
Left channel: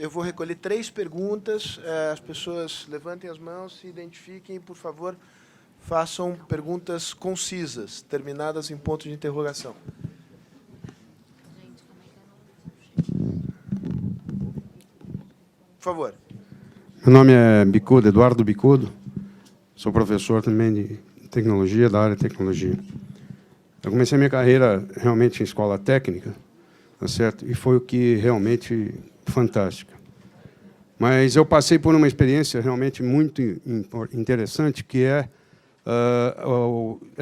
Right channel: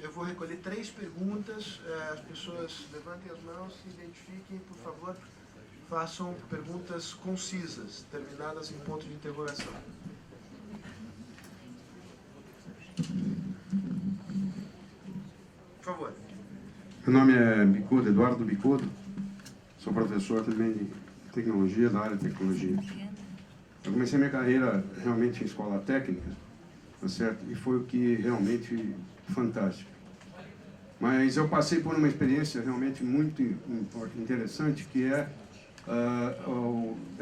Eu vou recolher 3 perguntas. As pessoas levantem as mãos, se identifiquem e, por favor, façam perguntas concisas, terminadas em ponto de interrogação. Por favor. Meu nome é Bicudo, Eduardo Bicudo. Sou professor também de tecnologia, da área de tecnologia. Eu comecei a minha carreira realmente em escola técnica, tá certo? E foi o que realmente fantástica. Mas eu passei por uma experiência realmente muito interessante, que era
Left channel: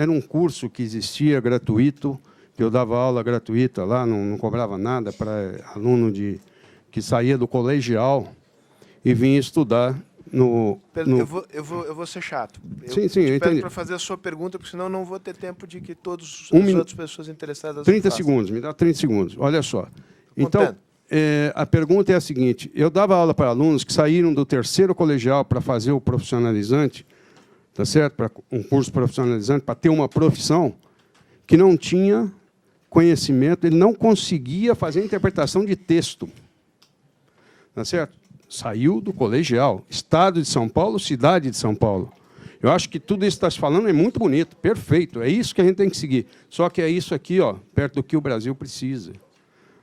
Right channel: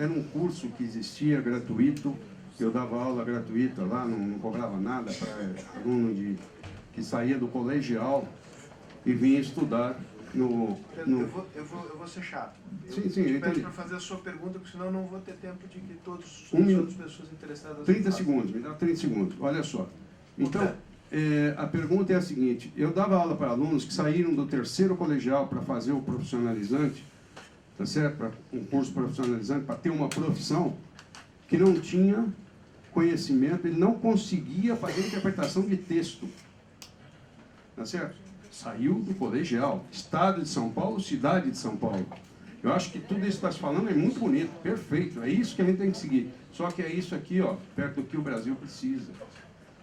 um curso que existia gratuito, eu dava aula gratuita lá, não cobrava nada para aluno que saía do colegial e vinha estudar Eu vou ser chato. Sim, Eu peço para fazer a sua pergunta, porque senão eu não vou ter tempo de que todas as outras pessoas interessadas... 30 segundos, me dá 30 segundos. Olha só. Então, a pergunta é a seguinte. Eu dava aula para alunos que saíram do 3º colegial para fazer o profissionalizante, tá certo? Para um curso profissionalizante, para ter uma profissão, que não tinha conhecimento, ele não conseguia fazer interpretação de texto. Tá certo? Saiu do colegial, Estado de São Paulo, cidade de São Paulo. Eu acho que tudo isso que está se falando é muito bonito, perfeito, é isso que a gente tem que seguir. Só que é isso aqui, ó, perto do que o Brasil precisa,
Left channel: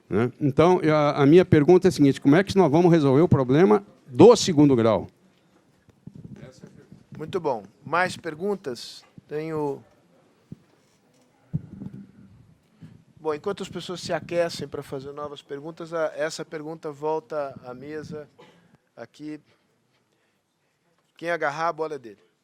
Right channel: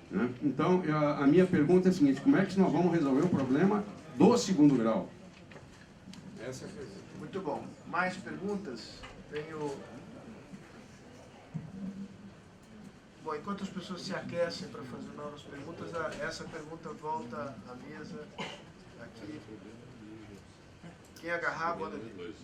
né? Então, a minha pergunta é a seguinte, como é que nós vamos resolver o problema do 2º grau? Muito bom. Mais perguntas? Tenho... Bom, enquanto as pessoas se aquecem para fazer novas perguntas, essa pergunta volta à mesa aqui. Quem agarrar, a bola é dele.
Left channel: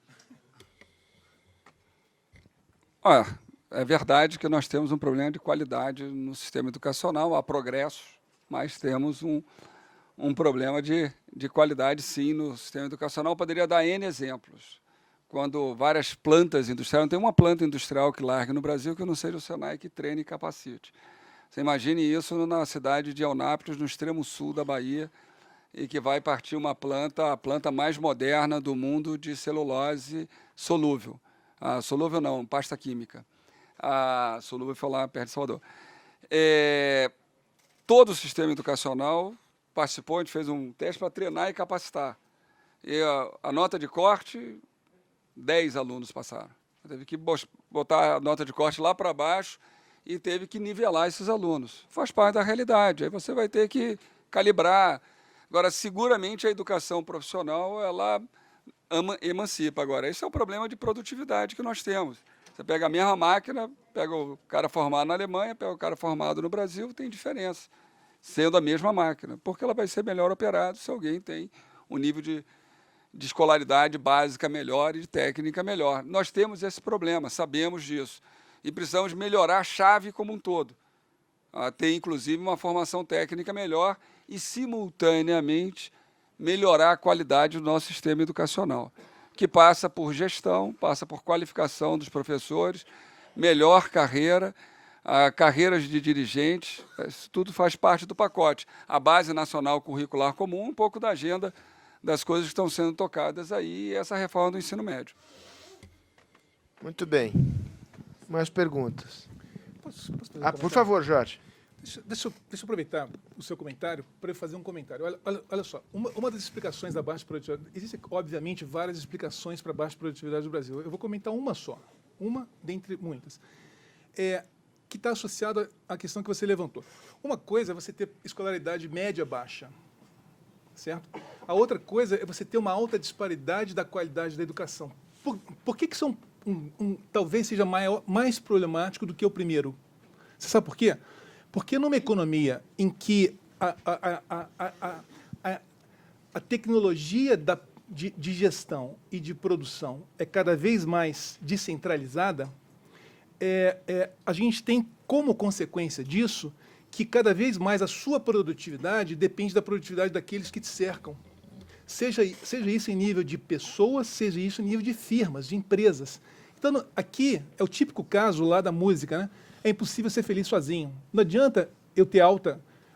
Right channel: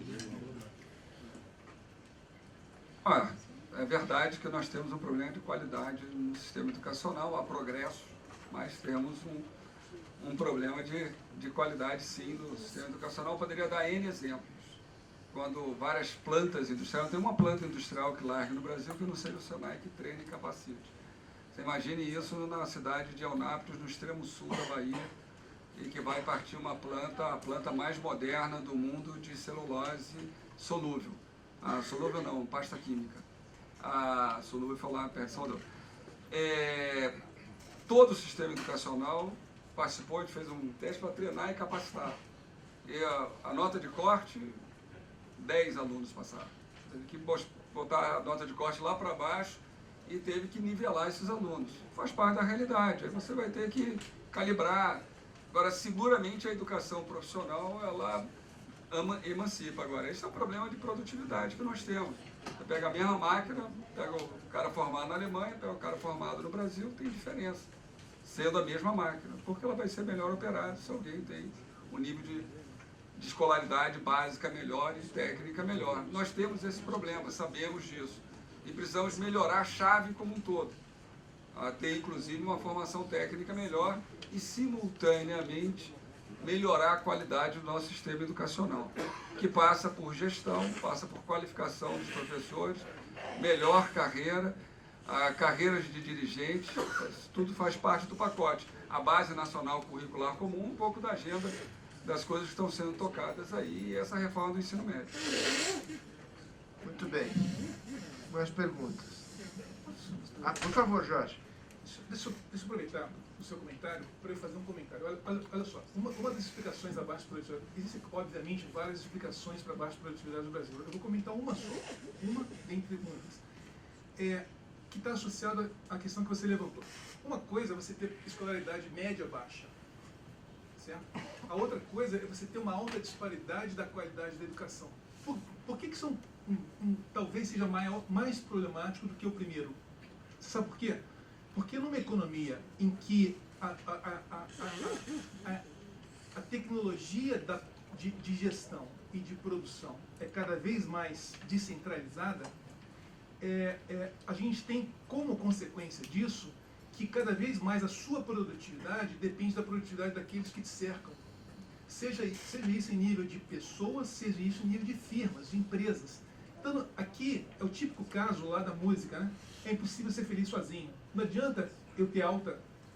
É verdade que nós temos um problema de qualidade no sistema educacional, há progressos, mas temos um problema de qualidade, sim, no sistema educacional. Eu poderia dar N exemplos. quando várias plantas industriais, não tem uma planta industrial que largue no Brasil que não seja o Senai que treine e capacite. Você imagine isso na cidade de Eunápolis, no extremo sul da Bahia, e que vai partir uma planta, a planta mais moderna do mundo de celulose solúvel. Solúvel não, pasta química. Solúvel foi lá perto de Salvador. Todo o sistema educacional participou, a gente fez um teste para treinar e capacitar. E a nota de corte, 10 alunos passaram. Teve que botar a nota de corte lá para baixo e teve que nivelar esses alunos. Faz parte da realidade. Aí você vai ter que calibrar. Agora, seguramente, a educação profissional, ela emancipa. Agora, esse é o problema de produtividade que nós temos. Você pega a mesma máquina, pega o cara formado na Alemanha, pega o cara formado no Brasil, tem diferença, sendo a mesma máquina, porque ela vai ser melhor operada se alguém tem um nível de escolaridade básica melhor e de técnica melhor. Nós temos esse problema, sabemos disso, e precisamos melhorar a chave como um todo. Ter, inclusive, uma formação técnica melhor e, simultaneamente, melhorar a qualidade do nosso sistema educacional, que passa por gestão, passa por qualificação dos professores, melhor carreira, carreiras de dirigentes, isso tudo faz parte do pacote. A Base Nacional Curricular Comum, um pouco da agenda das coisas que estão sendo tocadas aí, e essa reforma do ensino médio. Muito bem. Mais perguntas? Por favor, Jorge. Deixa eu aproveitar o seu comentário para eu fazer um comentário. Olha só, uma das explicações da baixa produtividade... Existem, obviamente, várias explicações para a baixa produtividade do Brasil. Eu vou comentar uma só, uma dentre muitas, que está associada à questão que você levantou. Uma coisa é você ter escolaridade média baixa, certo? A outra coisa é você ter uma alta disparidade da qualidade da educação. Por que isso talvez seja mais problemático do que o primeiro? Você sabe por quê? Porque numa economia em que a tecnologia de gestão e de produção é cada vez mais descentralizada, a gente tem como consequência disso que cada vez mais a sua produtividade depende da produtividade daqueles que te cercam. Seja isso em nível de pessoas, seja isso em nível de firmas, de empresas. Então, aqui é o típico caso lá da música, né? É impossível ser feliz sozinho. Não adianta eu ter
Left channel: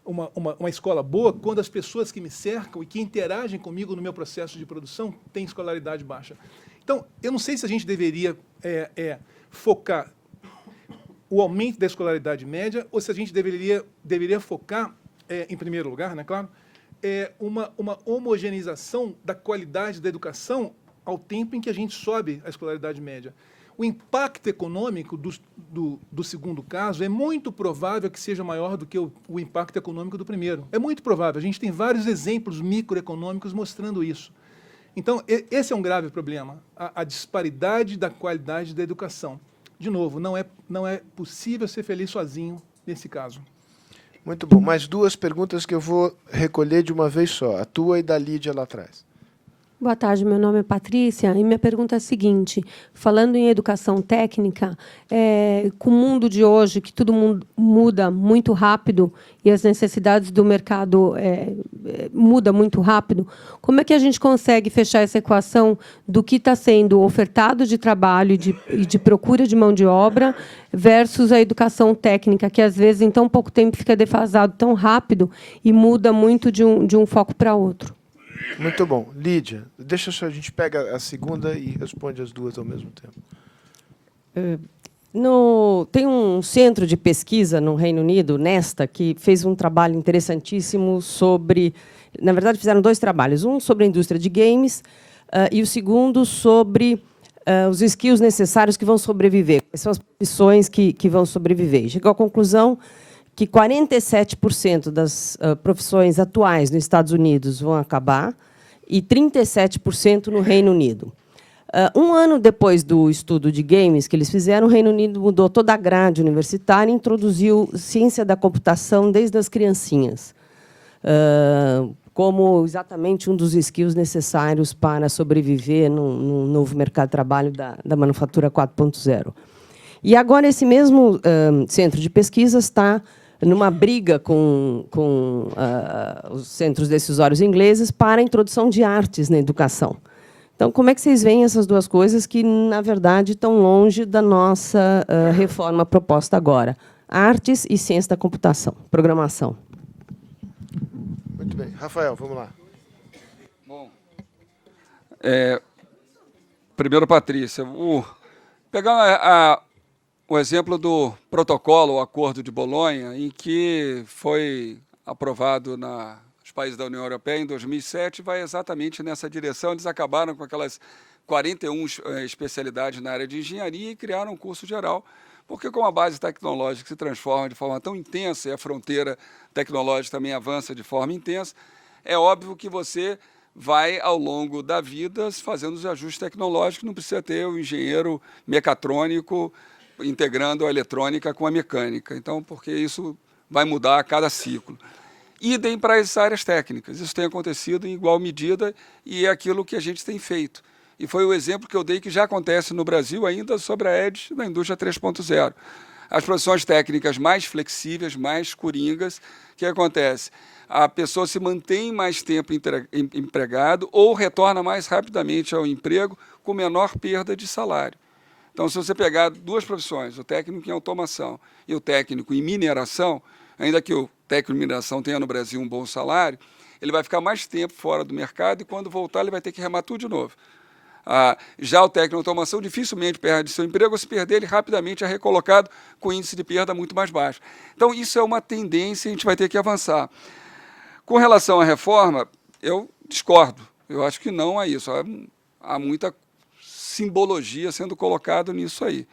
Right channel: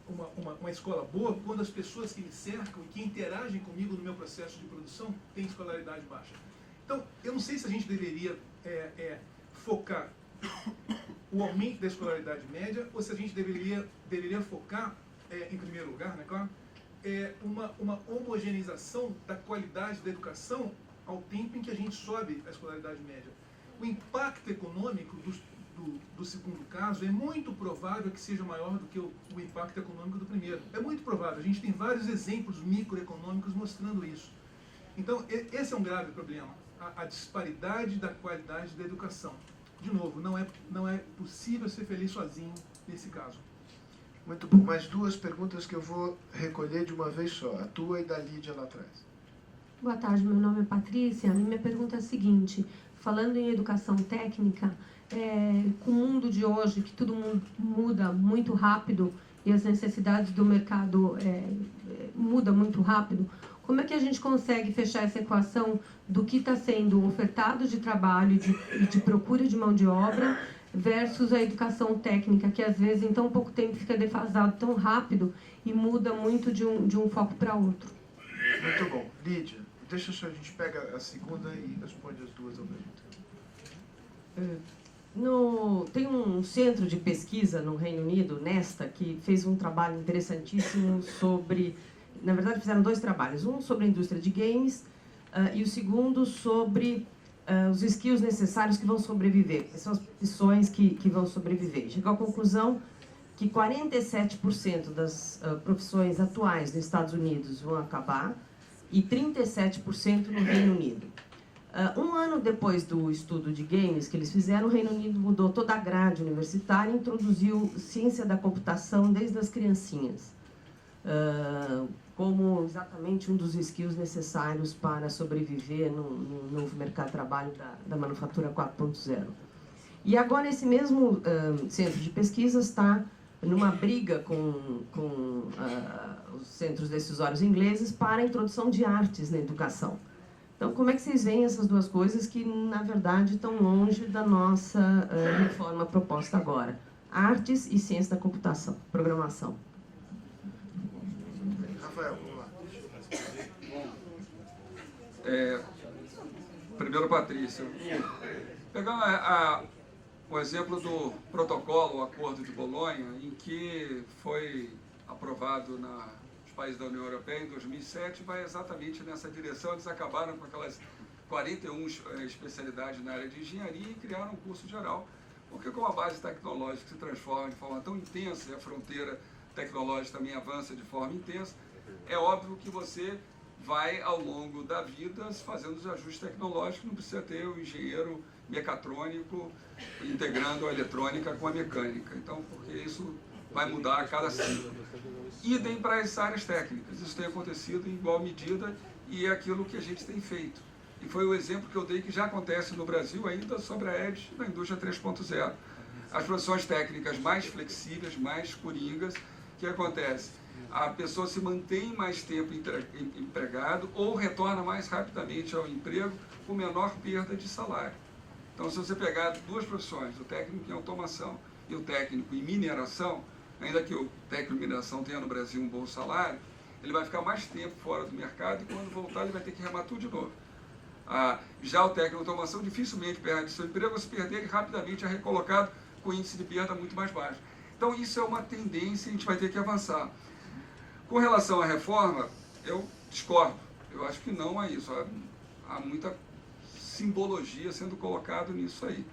uma escola boa quando as pessoas que me cercam e que interagem comigo no meu processo de produção têm escolaridade baixa. Então, eu não sei se a gente deveria focar o aumento da escolaridade média ou se a gente deveria focar, em primeiro lugar, né, claro, uma homogeneização da qualidade da educação ao tempo em que a gente sobe a escolaridade média. O impacto econômico do segundo caso é muito provável que seja maior do que o impacto econômico do primeiro. É muito provável. A gente tem vários exemplos microeconômicos mostrando isso. Então, esse é um grave problema, a disparidade da qualidade da educação. De novo, não é possível ser feliz sozinho nesse caso. Muito bom. Mais duas perguntas que eu vou recolher de uma vez só. A tua e da Lídia lá atrás. Boa tarde, meu nome é Patrícia e minha pergunta é a seguinte: falando em educação técnica, com o mundo de hoje, que tudo muda muito rápido e as necessidades do mercado mudam muito rápido, como é que a gente consegue fechar essa equação do que está sendo ofertado de trabalho e de procura de mão de obra versus a educação técnica, que às vezes em tão pouco tempo fica defasado tão rápido e muda muito de um foco para outro? Muito bom. Lídia, deixa só, a gente pega a segunda e responde as duas ao mesmo tempo. Tem um centro de pesquisa no Reino Unido, Nesta, que fez um trabalho interessantíssimo sobre... Na verdade, fizeram dois trabalhos. Um sobre a indústria de games e o segundo sobre os skills necessários que vão sobreviver. Quais são as profissões que vão sobreviver. Chegou à conclusão que 47% das profissões atuais nos Estados Unidos vão acabar e 37% no Reino Unido. Um ano depois do estudo de games que eles fizeram, o Reino Unido mudou toda a grade universitária e introduziu ciência da computação desde as criancinhas, como exatamente um dos skills necessários para sobreviver no novo mercado de trabalho da manufatura 4.0. E agora esse mesmo centro de pesquisa está numa briga com os centros decisórios ingleses para a introdução de artes na educação. Então, como é que vocês veem essas duas coisas que, na verdade, estão longe da nossa reforma proposta agora? Artes e ciência da computação, programação. Muito bem. Rafael, vamos lá. Primeiro, Patrícia, pegar o exemplo do protocolo, o Acordo de Bolonha, em que foi aprovado nos países da União Europeia em 2007, vai exatamente nessa direção. Eles acabaram com aquelas 41 especialidades na área de engenharia e criaram um curso geral, porque com a base tecnológica que se transforma de forma tão intensa e a fronteira tecnológica também avança de forma intensa, é óbvio que você vai, ao longo da vida, fazendo os ajustes tecnológicos, não precisa ter o engenheiro mecatrônico integrando a eletrônica com a mecânica. Então, porque isso vai mudar a cada ciclo. Idem para as áreas técnicas. Isso tem acontecido em igual medida e é aquilo que a gente tem feito. E foi o exemplo que eu dei que já acontece no Brasil ainda sobre a EDGE na indústria 3.0. As profissões técnicas mais flexíveis, mais coringas, o que acontece? A pessoa se mantém mais tempo empregado ou retorna mais rapidamente ao emprego com menor perda de salário. Então, se você pegar duas profissões, o técnico em automação e o técnico em mineração, ainda que o técnico em mineração tenha no Brasil um bom salário, ele vai ficar mais tempo fora do mercado e, quando voltar, ele vai ter que remar tudo de novo. Já o técnico em automação dificilmente perde seu emprego, ou se perder, ele rapidamente é recolocado com índice de perda muito mais baixo. Então, isso é uma tendência e a gente vai ter que avançar. Com relação à reforma, eu discordo. Eu acho que não há isso. Há muita simbologia sendo colocada nisso aí.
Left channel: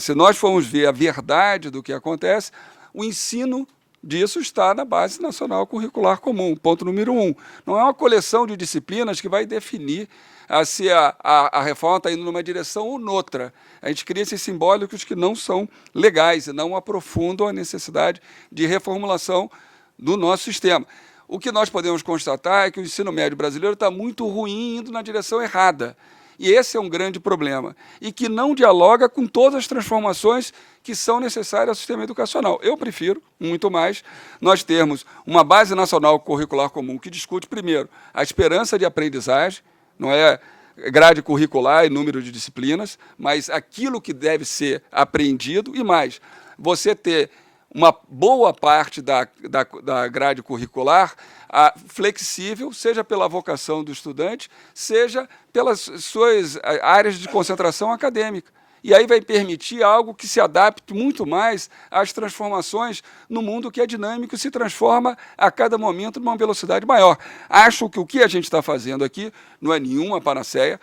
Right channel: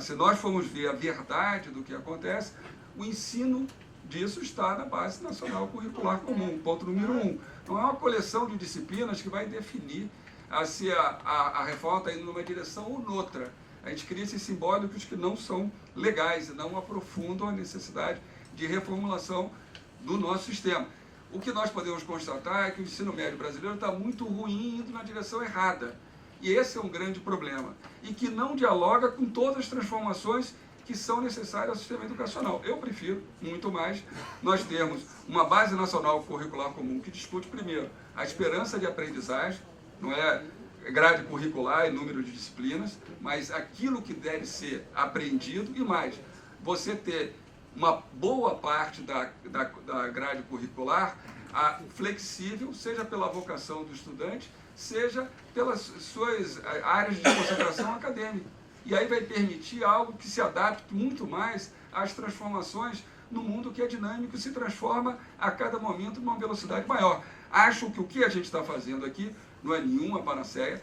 Se nós formos ver a verdade do que acontece, o ensino disso está na Base Nacional Curricular Comum, ponto número 1. Não é uma coleção de disciplinas que vai definir se a reforma está indo numa direção ou noutra. A gente cria esses simbólicos que não são legais e não aprofundam a necessidade de reformulação do nosso sistema. O que nós podemos constatar é que o ensino médio brasileiro está muito ruim, indo na direção errada. E esse é um grande problema. E que não dialoga com todas as transformações que são necessárias ao sistema educacional. Eu prefiro, muito mais, nós termos uma Base Nacional Curricular Comum que discute, primeiro, a esperança de aprendizagem, não é grade curricular e número de disciplinas, mas aquilo que deve ser aprendido e mais. Você ter uma boa parte da grade curricular flexível, seja pela vocação do estudante, seja pelas suas áreas de concentração acadêmica. E aí vai permitir algo que se adapte muito mais às transformações no mundo que é dinâmico e se transforma a cada momento numa velocidade maior. Acho que o que a gente está fazendo aqui não é nenhuma panaceia,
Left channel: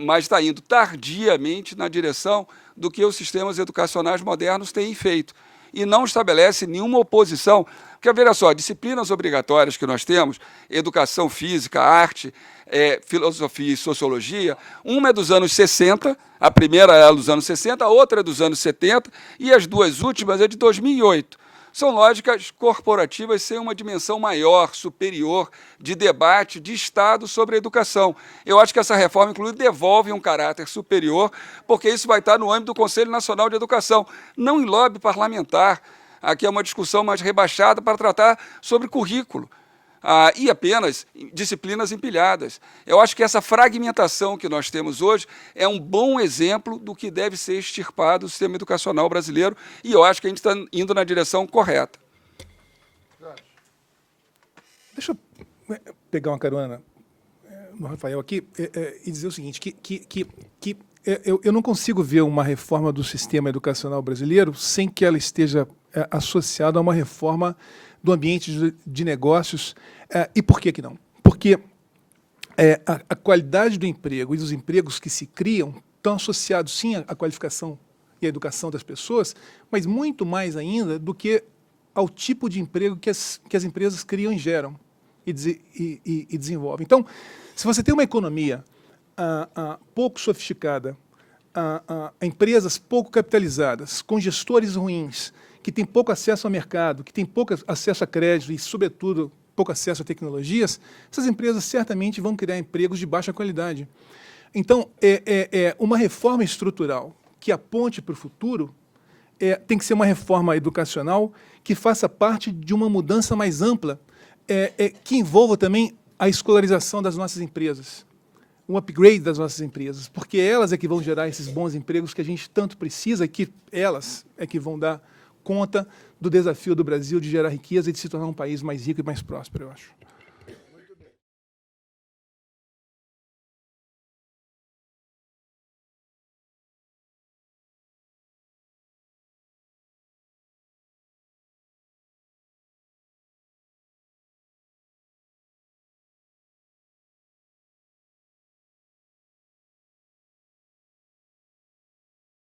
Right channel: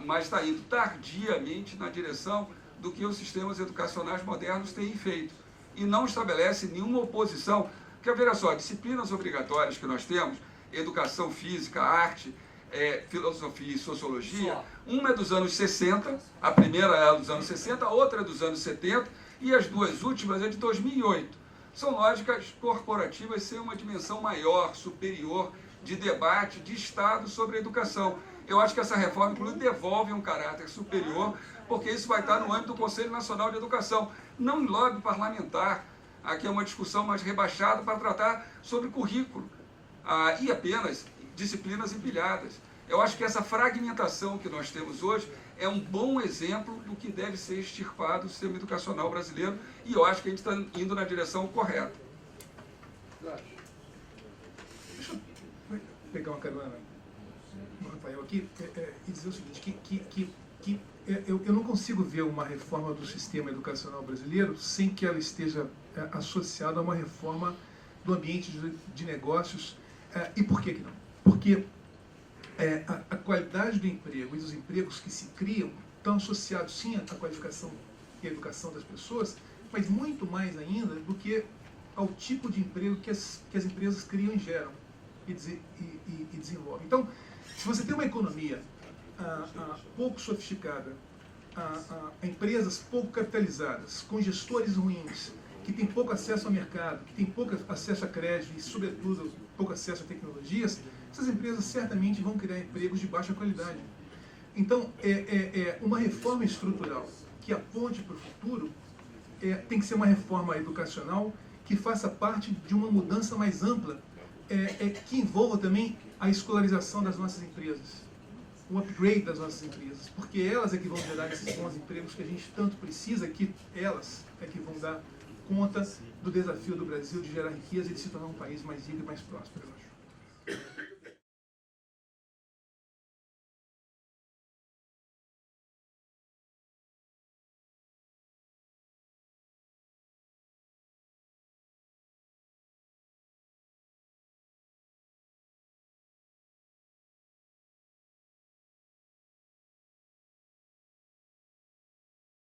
mas está indo tardiamente na direção do que os sistemas educacionais modernos têm feito. E não estabelece nenhuma oposição. Porque, veja só, disciplinas obrigatórias que nós temos, educação física, arte, filosofia e sociologia, uma é dos anos 60, a primeira é dos anos 60, a outra é dos anos 70, e as duas últimas é de 2008. São lógicas corporativas sem uma dimensão maior, superior, de debate de Estado sobre a educação. Eu acho que essa reforma, inclusive, devolve um caráter superior, porque isso vai estar no âmbito do Conselho Nacional de Educação, não em lobby parlamentar. Aqui é uma discussão mais rebaixada para tratar sobre currículo e apenas disciplinas empilhadas. Eu acho que essa fragmentação que nós temos hoje é um bom exemplo do que deve ser extirpado do sistema educacional brasileiro e eu acho que a gente está indo na direção correta. Deixa eu pegar uma carona no Rafael aqui e dizer o seguinte, eu não consigo ver uma reforma do sistema educacional brasileiro sem que ela esteja associada a uma reforma do ambiente de negócios. E por que não? Porque a qualidade do emprego e dos empregos que se criam estão associados, sim, à qualificação e à educação das pessoas, mas muito mais ainda do que ao tipo de emprego que as empresas criam e geram e desenvolvem. Então, se você tem uma economia pouco sofisticada, empresas pouco capitalizadas, com gestores ruins, que têm pouco acesso ao mercado, que têm pouco acesso a crédito e, sobretudo, pouco acesso a tecnologias, essas empresas certamente vão criar empregos de baixa qualidade. Então, uma reforma estrutural que aponte para o futuro tem que ser uma reforma educacional que faça parte de uma mudança mais ampla, que envolva também a escolarização das nossas empresas. um upgrade das nossas empresas, porque elas é que vão gerar esses bons empregos que a gente tanto precisa, que elas é que vão dar conta do desafio do Brasil de gerar riqueza e de se tornar um país mais rico e mais próspero, eu acho.